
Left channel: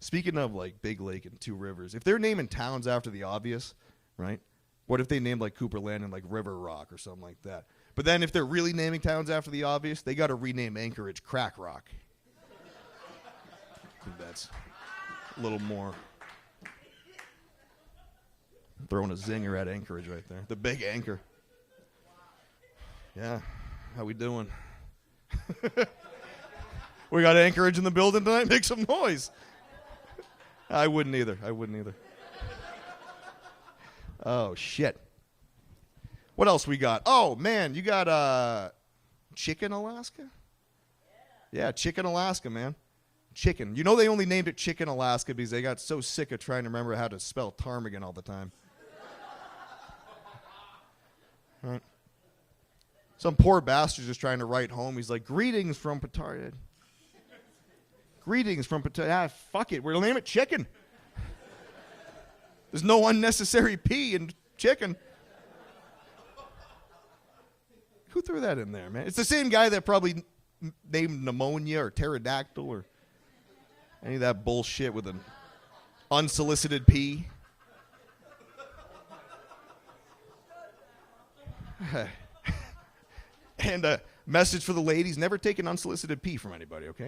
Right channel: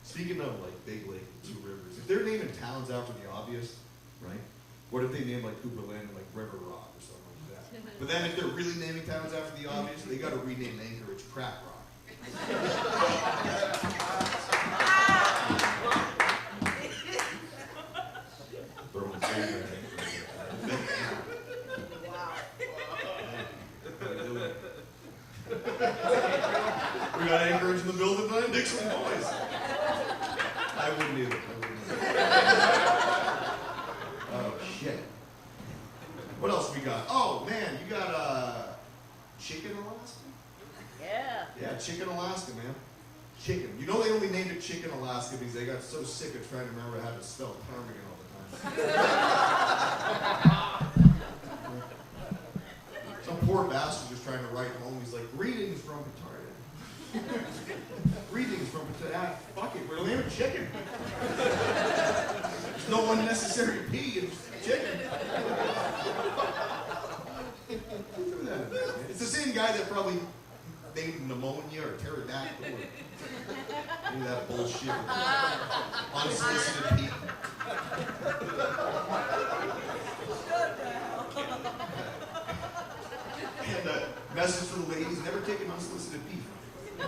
Speaking of, like, Big Lake and 2 Rivers, if they're naming towns after the obvious, right? What if they name, like, Cooper Landing, like, River Rock or something like that? But then if they're really naming towns after the obvious, they got to rename Anchorage Crack Rock. Throwing a zinger at Anchorage right now. The big anchor. Yeah. How we doing? We got Anchorage in the building tonight. Make some noise. I wouldn't either. Oh, shit. What else we got? Oh, man, you got Chicken Alaska? Yeah. Yeah, Chicken Alaska, man. Chicken. You know they only named it Chicken Alaska because they got so sick of trying to remember how to spell ptarmigan all the time. Some poor bastard's just trying to write home. He's like, greetings from Pataria. Greetings from Pataria. Ah, fuck it. We'll name it Chicken. There's no unnecessary P in chicken. Who threw that in there, man? It's the same guy that probably named pneumonia or pterodactyl or any of that bullshit with an unsolicited P. And a message for the ladies, never take an unsolicited pee from anybody, okay?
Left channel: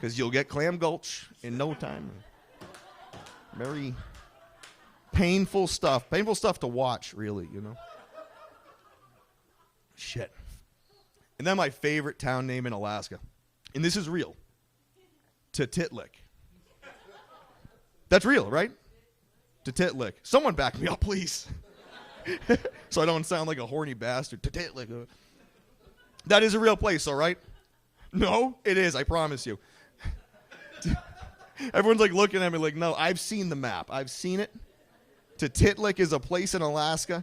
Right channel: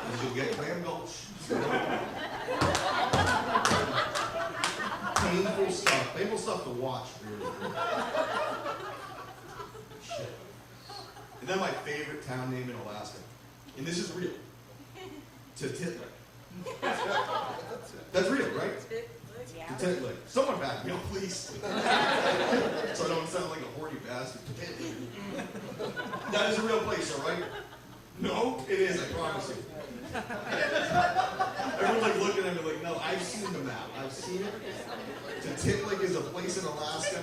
Because you'll get clam gulch in no time. Painful stuff to watch, really. Shit. And then my favorite town name in Alaska, and this is real, Titlik. That's real, right? Titlik. Someone back me up, please. So I don't sound like a horny bastard. Titlik. That is a real place, all right? No, it is, I promise you. Everyone's like looking at me like, no, I've seen the map. I've seen it. Titlik is a place in Alaska.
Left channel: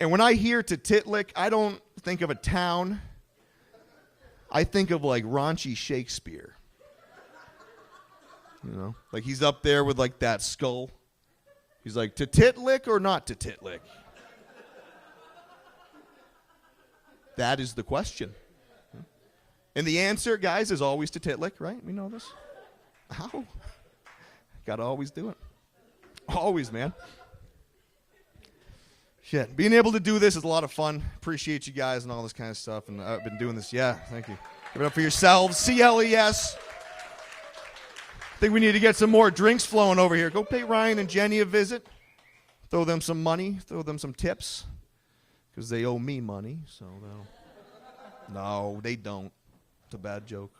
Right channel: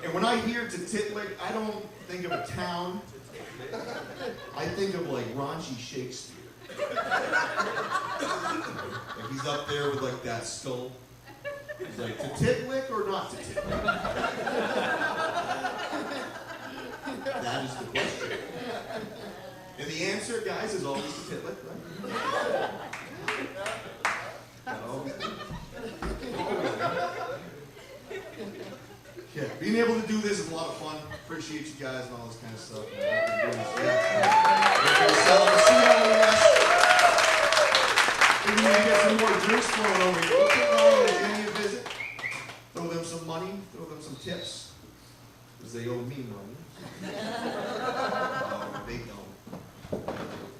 And when I hear Titlik, I don't think of a town. I think of like raunchy Shakespeare. You know? Like he's up there with like that skull. He's like, Titlik or not Titlik? That is the question. And the answer, guys, is always Titlik, right? You know? Gotta always do it. Always, man. Shit. Being able to do this is a lot of fun. Appreciate you guys and all this kind of stuff. And I've been doing this, Do it for yourselves. CLES. I think we need to get some more drinks flowing over here. Go take Ryan and Jenny a visit. Throw them some money. Throw them some tips. Because they owe me money. So. No, they don't. Bad joke.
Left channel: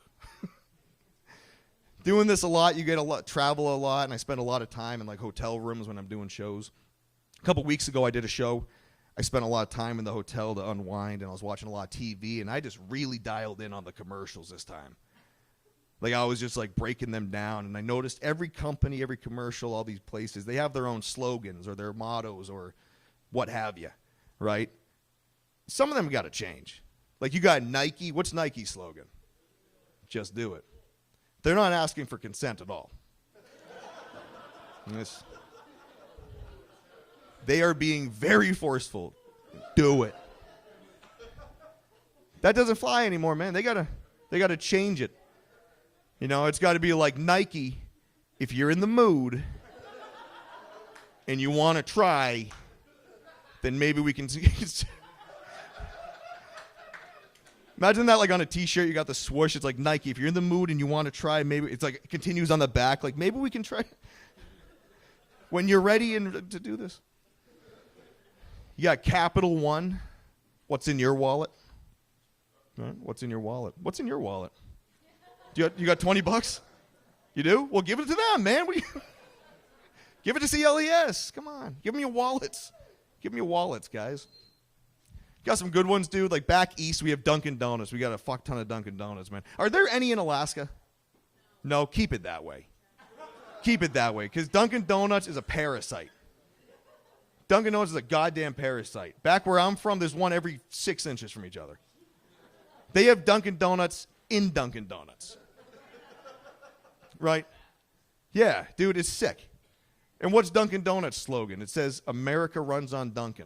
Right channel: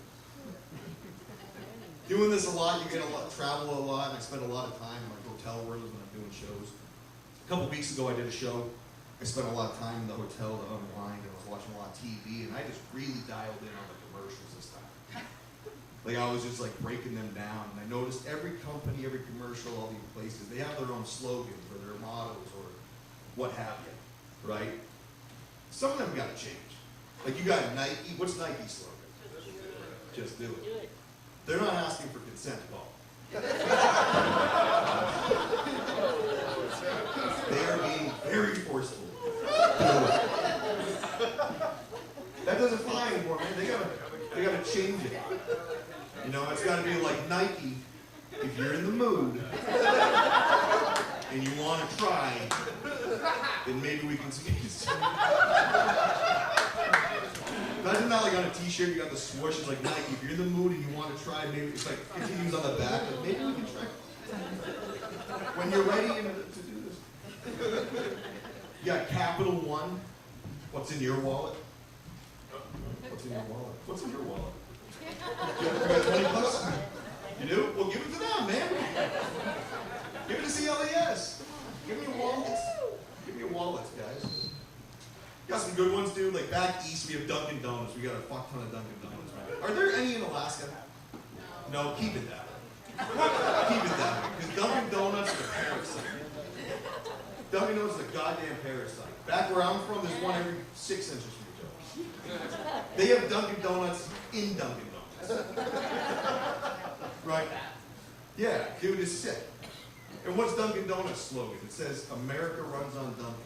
Doing this a lot, you get travel a lot, and I spend a lot of time in like hotel rooms when I'm doing shows. A couple weeks ago, I did a show. I spent a lot of time in the hotel to unwind, and I was watching a lot of TV, and I just really dialed in on the commercials this time. Like I was just like breaking them down, and I noticed every company, every commercial, all these places, they have their own slogans or their mottos or what have you, right? Some of them got to change. Like you got Nike. What's Nike's slogan? Just do it. They're not asking for consent at all. They are being very forceful. Do it. That doesn't fly anymore, man. They gotta change it. You know, it's got to be like Nike. If you're in the mood and you want to try, then maybe we can. Imagine that like on a t-shirt, you got the swoosh, it's like Nike. If you're in the mood and you want to try, maybe it's like it continues on the back, like maybe we can try. When you're ready to do this. You got Capital One. What's in your wallet? What's in your wallet? What's in your wallet? You got 20 bucks? You do? Well, give it to them, man. Give it to CLES. Come on. Give them your wallets. Give me your wallets, guys. Got some good ones, dude. Like back east, we have Dunkin' Donuts. We got a fuck ton of Dunkin' Donuts, man. Are there any in Alaska? No, keep it that way. Keep it that way, because Dunkin' Donuts is a parasite. Dunkin' Donuts is a goddamn parasite. Back where I'm from, there's one every 6 inches from each other. They have Dunkin' Donuts in Dunkin' Donuts. Right? Yeah, dude, it's sick. And what's Dunkin' Donuts' slogan? It says, America runs on Dunkin'.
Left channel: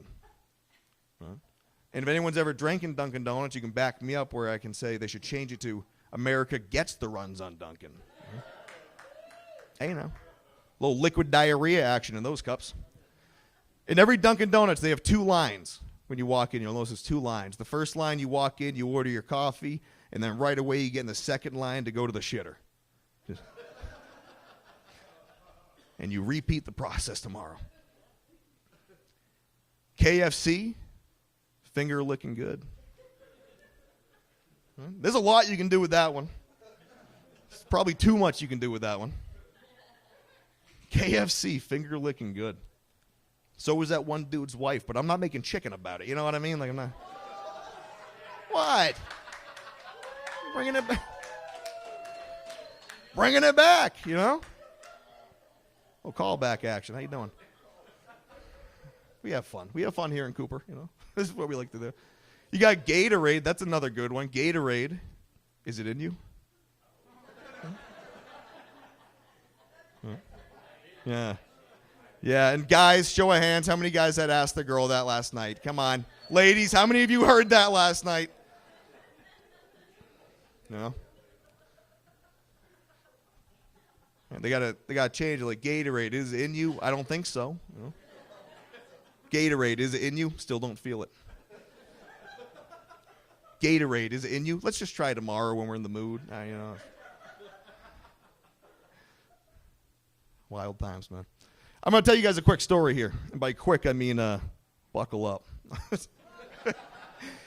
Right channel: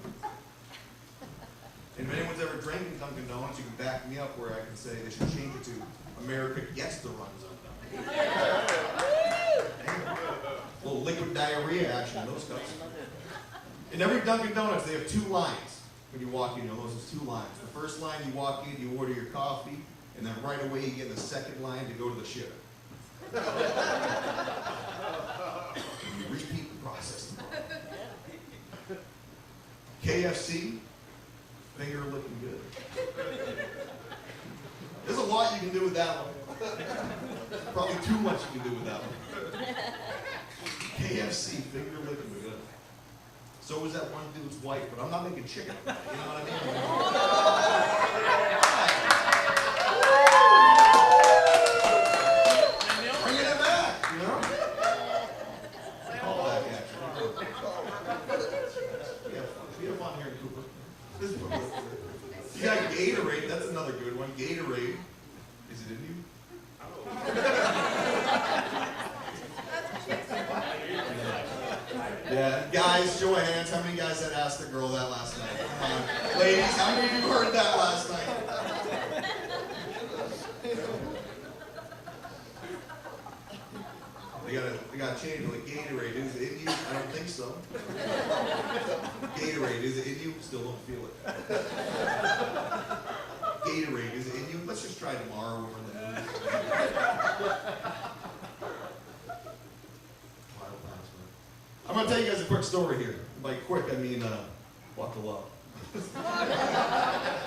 And if anyone's ever drinking Dunkin' Donuts, you can back me up where I can say they should change it to America gets the runs on Dunkin'. Hey, a little liquid diarrhea action in those cups. In every Dunkin' Donuts, they have 2 lines. When you walk in, you'll notice there's 2 lines. The first line, you walk in, you order your coffee, and then right away you get in the second line to go to the shitter. And you repeat the process tomorrow. KFC, finger looking good. There's a lot you can do with that one. Probably too much you can do with that one. KFC, finger licking good. So was that one dude's wife, but I'm not making chicken about it. You know what I mean? Like, why? Bringing it back, you know? A callback action. How you doing? We have fun. We have fun here in Cooper. You know? This is what we like to do. You got Gatorade. That's another good one. Gatorade. Is it in you? Yeah. Yeah, and guys, show of hands, how many guys had asked the girl that last night? Come on. Ladies, how many of you heard that last night? You know? They gotta change it, like Gatorade, is it in you? I don't think so. Gatorade, is it in you? Still don't feel it. Gatorade, is it in you? Let's just try tomorrow when we're in the mood. Wild times, man. I'm going to tell you guys a quick story here. And by quick, I mean buckle up.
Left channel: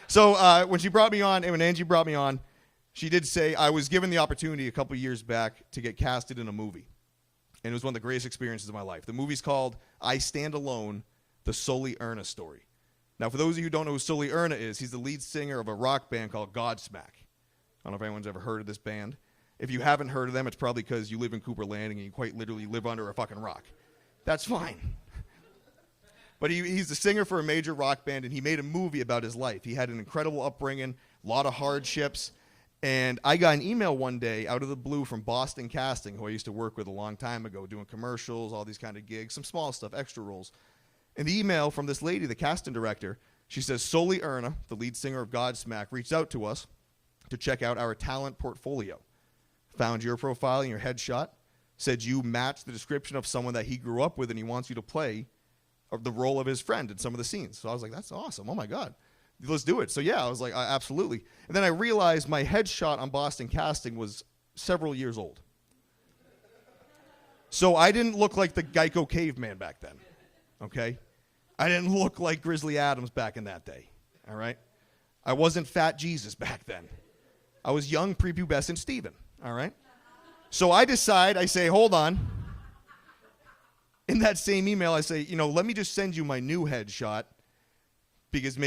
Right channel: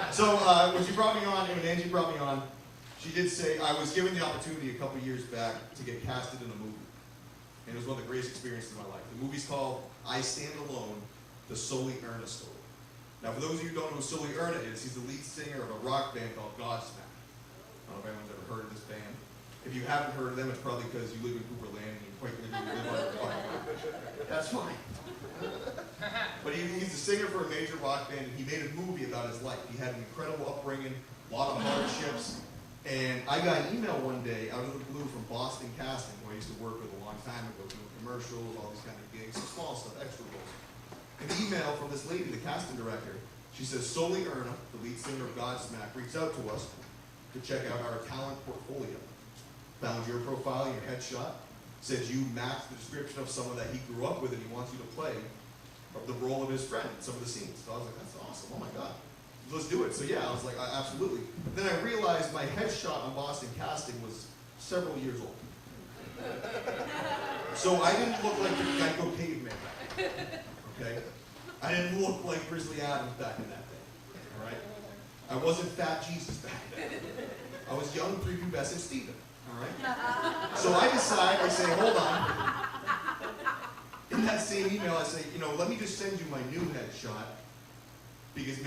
So when Angie brought me on, she did say I was given the opportunity a couple years back to get casted in a movie. And it was one of the greatest experiences of my life. The movie's called I Stand Alone, the Sully Erna Story. Now, for those of you who don't know who Sully Erna is, he's the lead singer of a rock band called Godsmack. I don't know if anyone's ever heard of this band. If you haven't heard of them, it's probably because you live in Cooper Landing and you quite literally live under a fucking rock. That's fine. But he's the singer for a major rock band, and he made a movie about his life. He had an incredible upbringing, a lot of hardships, and I got an email one day out of the blue from Boston Casting, who I used to work with a long time ago, doing commercials, all these kind of gigs, some small stuff, extra roles. And the email from this lady, the casting director, she says, Sully Erna, the lead singer of Godsmack, reached out to us to check out our talent portfolio. Found your profile and your headshot, said you match the description of someone that he grew up with and he wants you to play the role of his friend in some of the scenes. So I was like, that's awesome. Oh my God. Let's do it. So yeah, I was like, absolutely. And then I realized my headshot on Boston Casting was several years old. So I didn't look like the Geico caveman back then. Okay? I didn't look like Grizzly Adams back in that day. All right? I wasn't Fat Jesus back then. I was young, prepubescent Steven. All right? So I say, hold on. In that same email, I say, let me just send you my new headshot because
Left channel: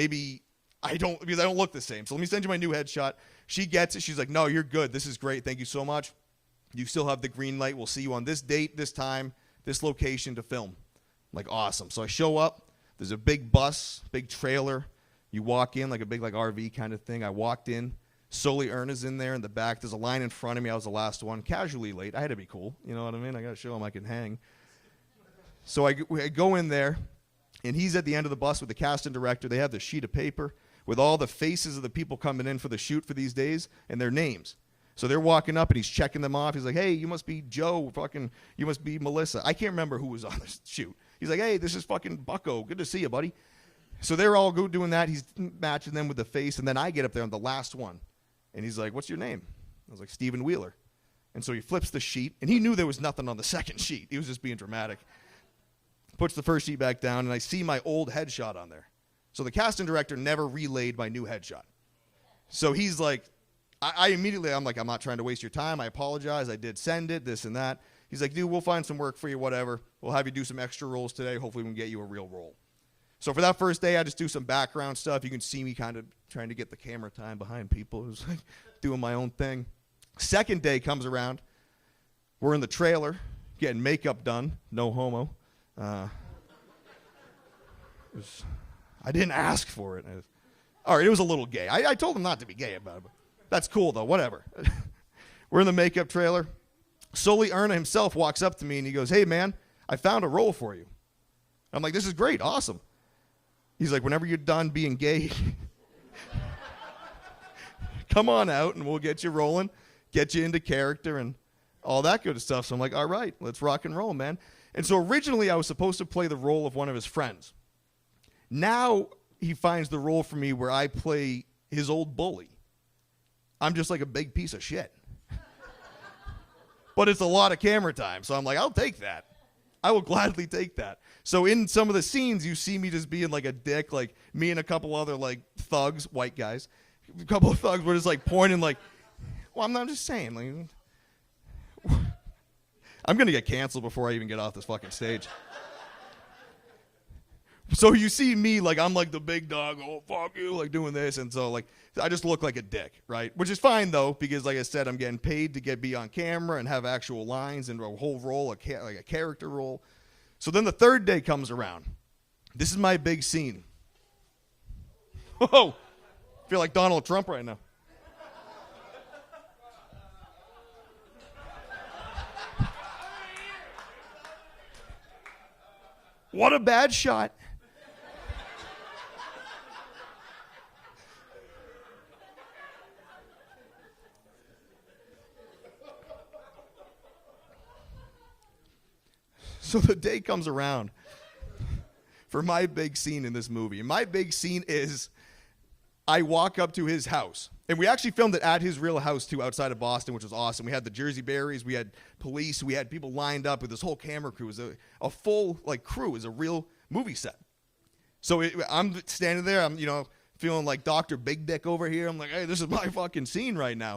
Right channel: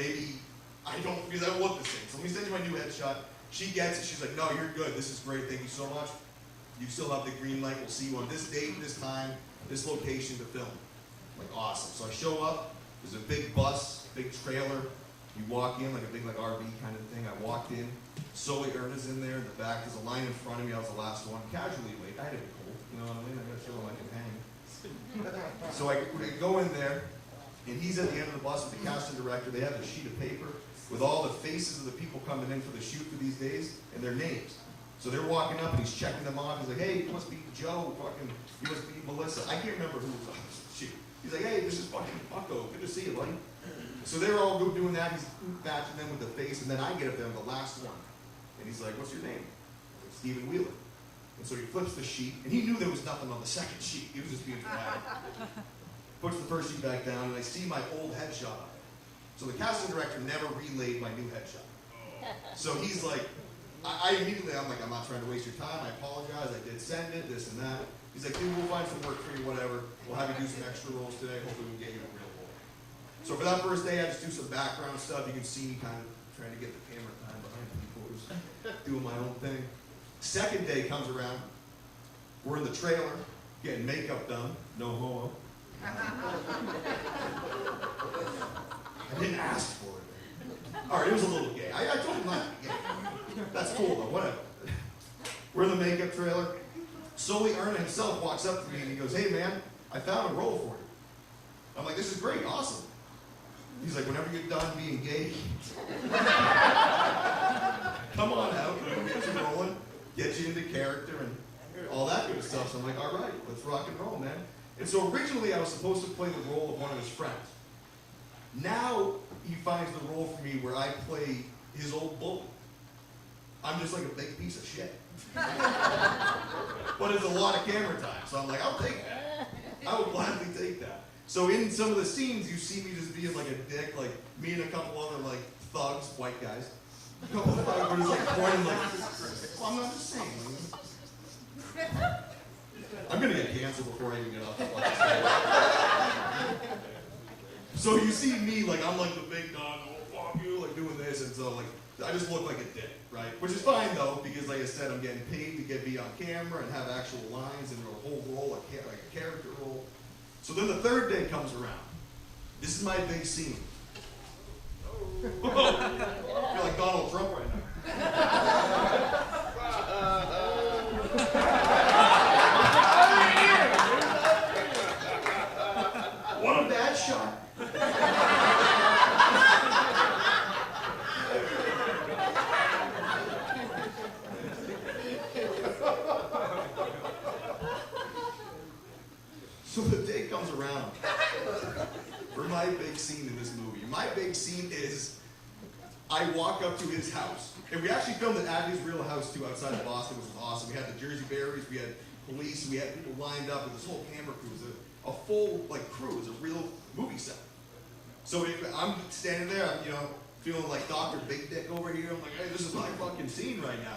I don't look the same. So let me send you my new headshot. She gets it. She's like, no, you're good. This is great. Thank you so much. You still have the green light. We'll see you on this date, this time, this location to film. I'm like, awesome. So I show up. There's a big bus, big trailer. You walk in like a big RV kind of thing. I walked in. Sully Erna's in there in the back. There's a line in front of me. I was the last one. Casually late. I had to be cool. You know what I mean? I got to show him I can hang. So I go in there, and he's at the end of the bus with the casting director. They have the sheet of paper with all the faces of the people coming in for the shoot for these days and their names. So they're walking up, and he's checking them off. He's like, hey, you must be Joe. You must be Melissa. I can't remember who was on the shoot. He's like, hey, this is fucking Bucko. Good to see you, buddy. So they're all doing that. He's matching them with the face, and then I get up there. I'm the last one. And he's like, what's your name? I was like, Stephen Wheeler. And so he flips the sheet, and he knew there was nothing on the second sheet. He was just being dramatic. Puts the first sheet back down, and I see my old headshot on there. So the casting director never relayed my new headshot. So he's like, I'm like, I'm not trying to waste your time. I apologize. I did send it, this and that. He's like, dude, we'll find some work for you, whatever. We'll have you do some extra roles today. Hopefully we can get you a real role. So for that first day, I just do some background stuff. You can see me kind of trying to get the camera time behind people who's doing my own thing. Second day comes around. We're in the trailer, getting makeup done. No homo. I didn't ask for it. All right, it was a little gay. I told him not to be gay. That's cool, though. Whatever. We're in the makeup trailer. Sully Erna himself walks up to me, and he goes, hey, man, I found a role for you. I'm like, this is great. Awesome. He's like, whenever you're done being gay, come on out, and we'll get you rolling, get you into character, and all that good stuff. So I'm like, all right, let's rock and roll, man. And so originally I was supposed to play the role of one of his friends. Now he finds the role for me where I play his old bully. I'm just like a big piece of shit. But it's a lot of camera time, so I'm like, I'll take that. I will gladly take that. So in some of the scenes, you see me just being like a dick, like me and a couple other like thugs, white guys, A couple of thugs were just like pointing like, well, I'm not just saying. Like, I'm gonna get canceled before I even get off the fucking stage. So you see me, like, I'm like the big dog, oh, fuck you, like doing this, and so like, I just look like a dick, right? Which is fine though, because like I said, I'm getting paid to be on camera and have actual lines and a whole role, like a character role. So then the third day comes around. This is my big scene. Whoa. I feel like Donald Trump right now. What a bad shot. So the day comes around for my big scene in this movie. My big scene is I walk up to his house. And we actually filmed it at his real house too, outside of Boston, which was awesome. We had the Jersey Berries, we had police, we had people lined up with this whole camera crew. It was a full like crew. It was a real movie set. So I'm standing there, I'm feeling like Dr. Big Dick over here. I'm like, hey, this is my fucking scene right now.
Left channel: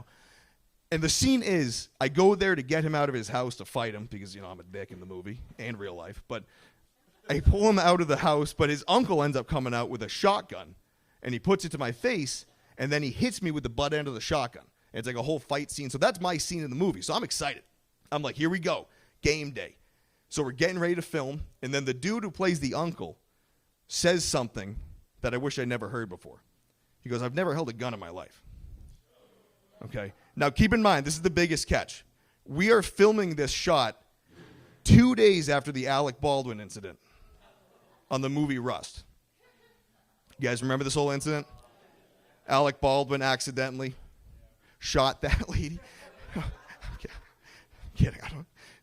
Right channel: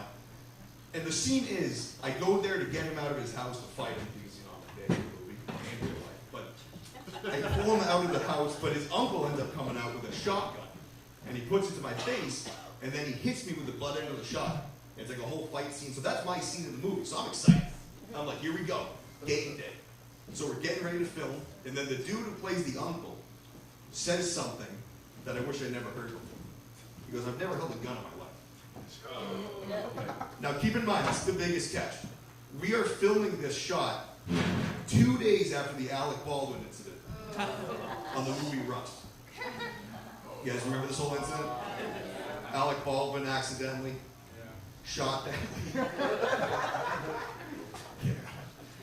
And the scene is, I go there to get him out of his house to fight him because, I'm a dick in the movie and real life. But I pull him out of the house, but his uncle ends up coming out with a shotgun. And he puts it to my face, and then he hits me with the butt end of the shotgun. And it's like a whole fight scene. So that's my scene in the movie. So I'm excited. I'm like, here we go. Game day. So we're getting ready to film, and then the dude who plays the uncle says something that I wish I'd never heard before. He goes, I've never held a gun in my life. Okay. Now keep in mind, this is the biggest catch. We are filming this shot 2 days after the Alec Baldwin incident on the movie Rust. You guys remember this whole incident? Alec Baldwin accidentally shot that lead.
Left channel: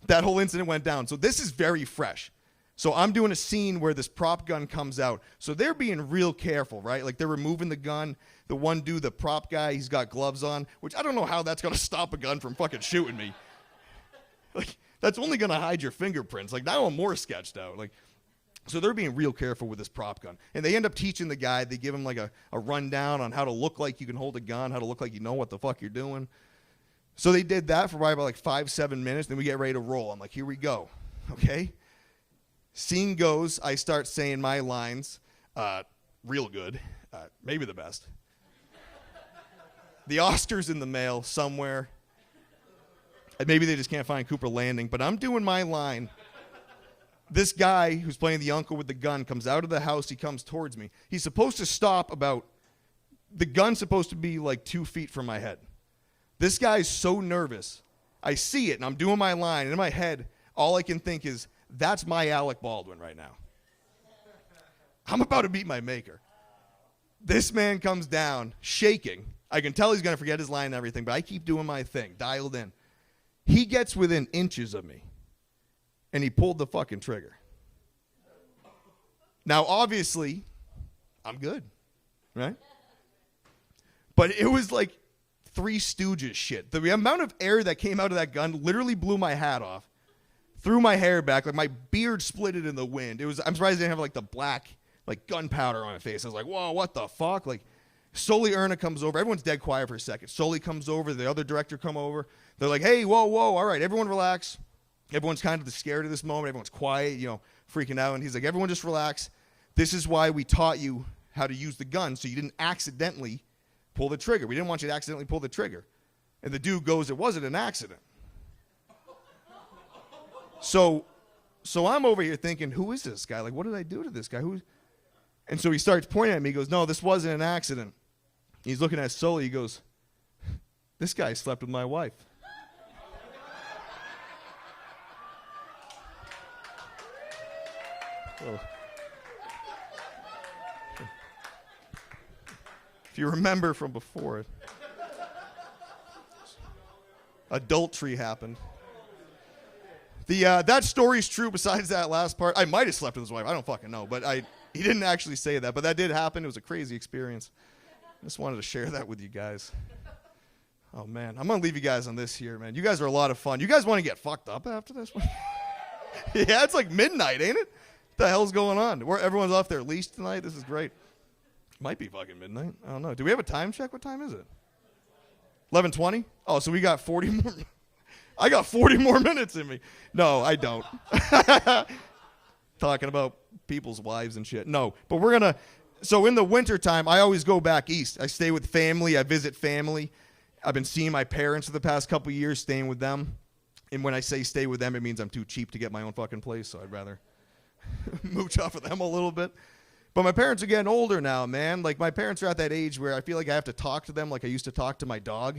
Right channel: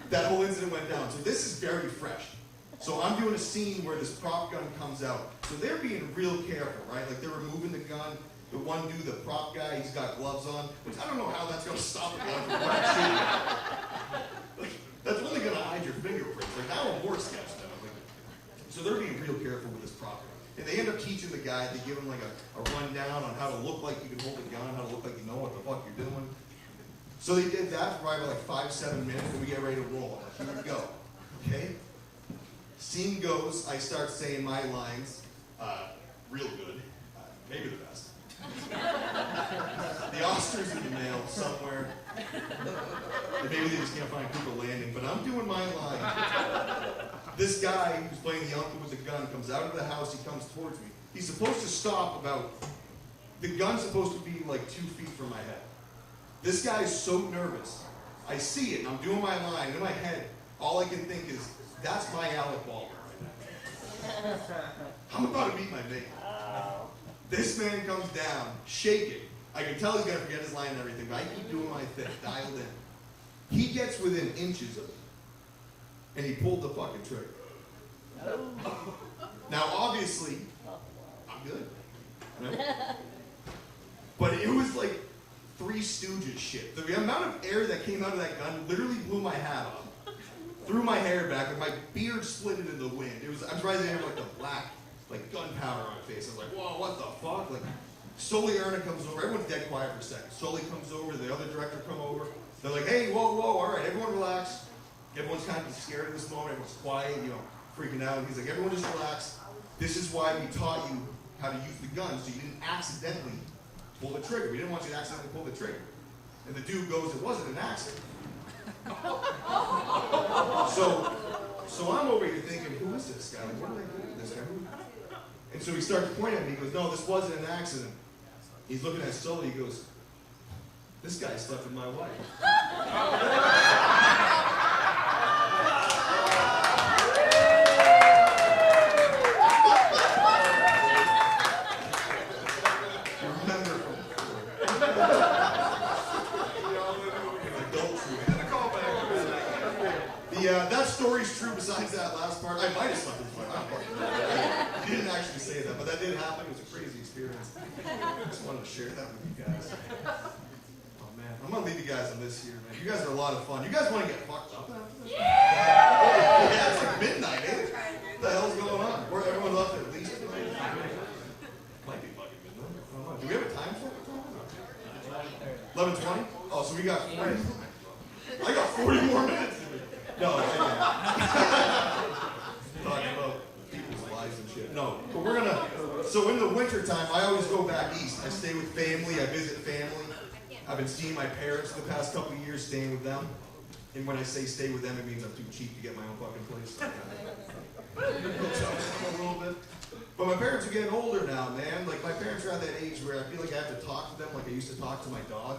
That whole incident went down. So this is very fresh. So I'm doing a scene where this prop gun comes out. So they're being real careful, right? Like they're removing the gun. The one dude, the prop guy, he's got gloves on, which I don't know how that's gonna stop a gun from fucking shooting you. Like, that's only gonna hide your fingerprints. Like now I'm more sketched out. Like, so they're being real careful with this prop gun. And they end up teaching the guy, they give him like a rundown on how to look like you can hold a gun, how to look like you know what the fuck you're doing. So they did that for probably about like 5-7 minutes, and then we get ready to roll. I'm like, here we go, okay? Scene goes, I start saying my lines, real good, maybe the best. The Oscar's in the mail somewhere. And maybe they just can't find Cooper Landing, but I'm doing my line. This guy who's playing the uncle with the gun comes out of the house, he comes towards me. He's supposed to stop the gun's supposed to be like 2 feet from my head. This guy's so nervous. I see it, and I'm doing my line, and in my head, all I can think is, that's my Alec Baldwin right now. I'm about to meet my maker. This man comes down, shaking. I can tell he's gonna forget his line and everything, but I keep doing my thing, dialed in. He gets within inches of me, and he pulled the fucking trigger. Now, obviously, I'm good, right? But it was like Three Stooges shit. The amount of air that came out of that gun literally blew my hat off, threw my hair back, like my beard splitted in the wind. I'm surprised I didn't have like the black, like gunpowder on my face. I was like, whoa, what the fuck? Like, Sully Erna comes over. Everyone's dead quiet for a second. Sully comes over. The other director come over. They're like, hey, whoa, all right, everyone relax. Everyone's kind of scared of this moment. Everyone's quiet, freaking out. And he's like, everyone just relax. This is why we taught you how to use the gun, so you didn't accidentally pull the trigger. We didn't want you to accidentally pull the trigger. And the dude goes, it wasn't an accident. So I'm over here thinking, who is this guy? Like, what did I do to this guy? And so he starts pointing at me. He goes, no, this wasn't an accident. He's looking at Sully. He goes, this guy slept with my wife. You remember from before. Adultery happened. That story's true besides that last part. I might have slept with his wife. I don't fucking know. But he didn't actually say that. But that did happen. It was a crazy experience. I just wanted to share that with you guys. Oh, man. I'm going to leave you guys on this here, man. You guys are a lot of fun. You guys want to get fucked up after this? Yeah, it's like midnight, ain't it? What the hell's going on? Everyone's off their leash tonight? This is great. Might be fucking midnight. I don't know. Do we have a time check? What time is it? 11:20? Oh, so we got 40. I got 40 more minutes in me. No, I don't. Talking about people's wives and shit. No, but we're gonna. So in the wintertime, I always go back east. I stay with family. I visit family. I've been seeing my parents for the past couple of years, staying with them. And when I say stay with them, it means I'm too cheap to get my own fucking place, so I'd rather mooch up with them a little bit. But my parents are getting older now, man. Like, my parents are at that age where I feel like I have to talk to them like I used to talk to my dog.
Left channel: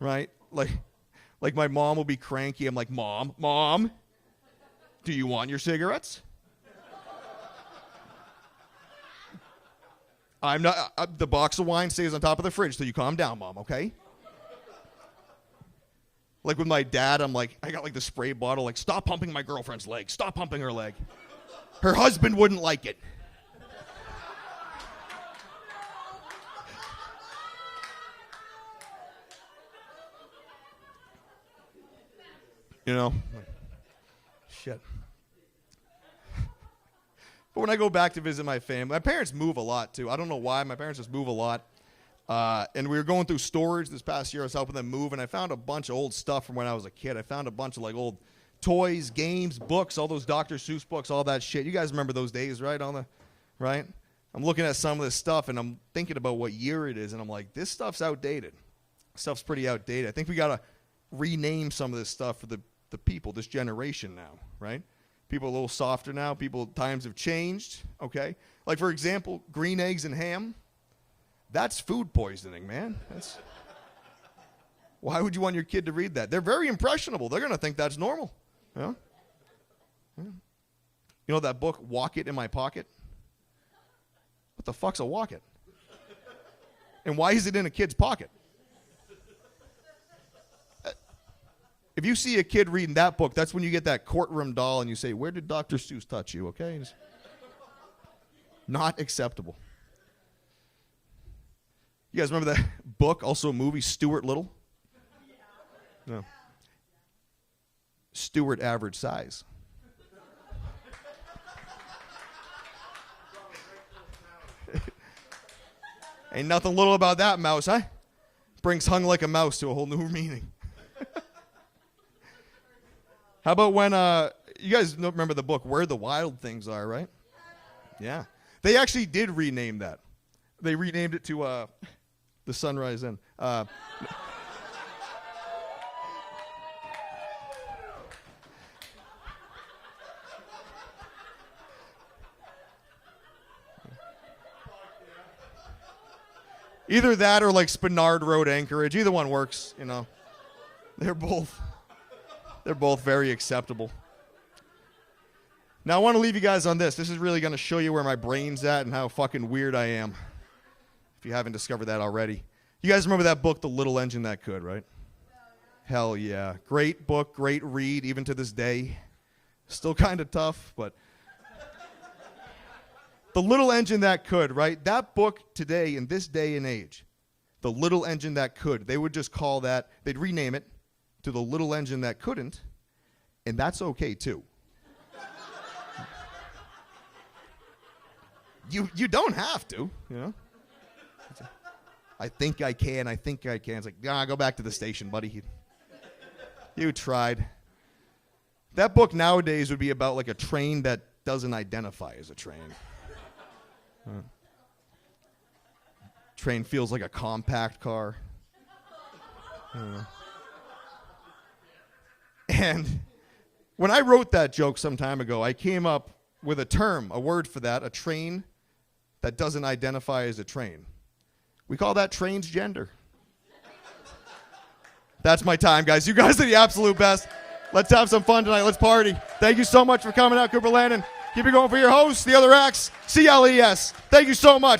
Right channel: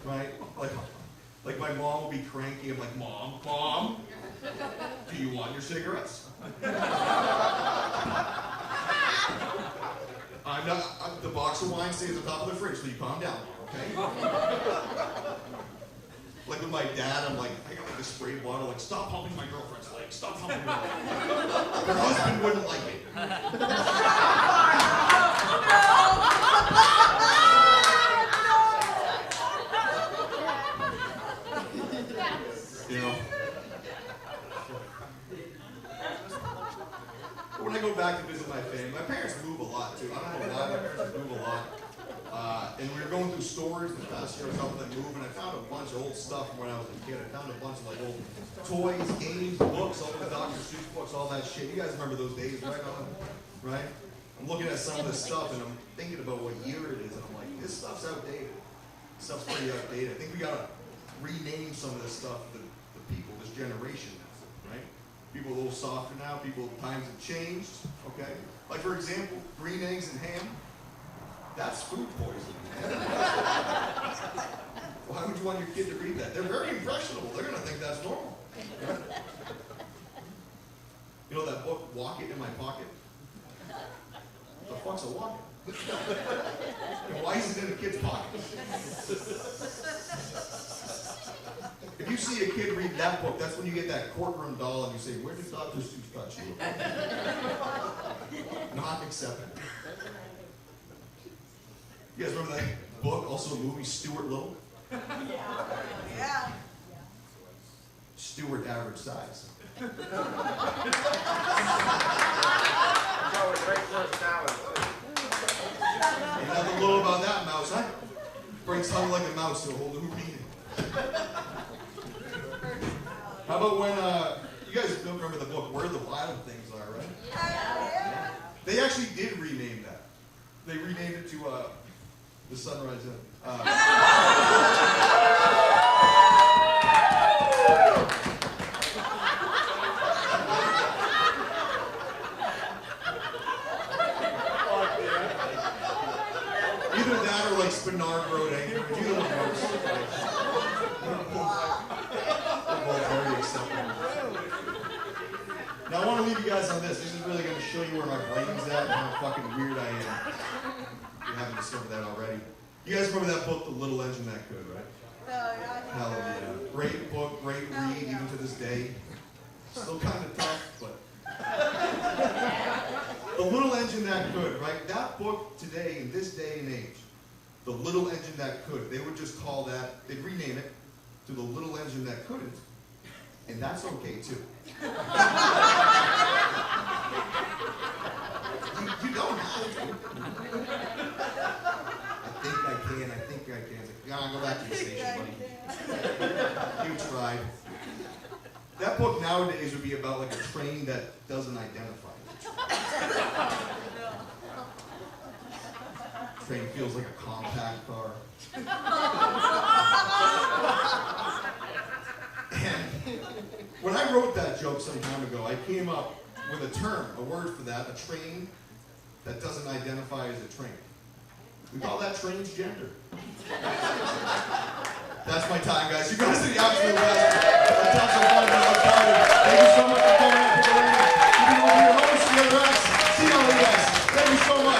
Right? Like my mom will be cranky. I'm like, Mom, do you want your cigarettes? I'm not, the box of wine stays on top of the fridge, so you calm down, Mom, okay? Like with my dad, I'm like, I got like the spray bottle, like, stop pumping my girlfriend's leg, stop pumping her leg. Her husband wouldn't like it. You know? Shit. But when I go back to visit my family, my parents move a lot too. I don't know why, my parents just move a lot. And we were going through storage this past year. I was helping them move, and I found a bunch of old stuff from when I was a kid. I found a bunch of like old toys, games, books, all those Dr. Seuss books, all that shit. You guys remember those days, right? Right? I'm looking at some of this stuff, and I'm thinking about what year it is, and I'm like, this stuff's outdated. This stuff's pretty outdated. I think we gotta rename some of this stuff for the people, this generation now, right? People are a little softer now. Times have changed, okay? Like, for example, green eggs and ham. That's food poisoning, man. Why would you want your kid to read that? They're very impressionable. They're gonna think that's normal. You know? You know that book, Walk It in My Pocket? What the fuck's a walk it? And why is it in a kid's pocket? If you see a kid reading that book, that's when you get that courtroom doll and you say, where did Dr. Seuss touch you? Okay? Not acceptable. You guys remember that book, also a movie, Stuart Little? Yeah. Stuart average size. Ain't nothing little about that mouse, huh? Brings hung like a mouse to a whole new meaning. How about when, you guys don't remember the book, Where the Wild Things Are, right? Yeah. They actually did rename that. They renamed it to The Sunrise Inn. Either that or like Spenard Road, Anchorage. Either one works. You know. They're both very acceptable. Now I want to leave you guys on this. This is really going to show you where my brain's at and how fucking weird I am. If you haven't discovered that already. You guys remember that book, The Little Engine That Could, right? Hell yeah. Great book, great read, even to this day. Still kind of tough, but... The Little Engine That Could, right? That book today, in this day and age, The Little Engine That Could, they would just call that, they'd rename it to The Little Engine That Couldn't, and that's okay too. You don't have to, you know? I think I can. It's like, go back to the station, buddy. You tried. That book nowadays would be about like a train that doesn't identify as a train. Train feels like a compact car. And when I wrote that joke some time ago, I came up with a term, a word for that, a train that doesn't identify as a train. We call that transgender. That's my time, guys. You guys are the absolute best. Let's have some fun tonight. Let's party. Thank you so much for coming out to Berlin. Keep it going for your hosts, the other acts, CLES. Thank you so much.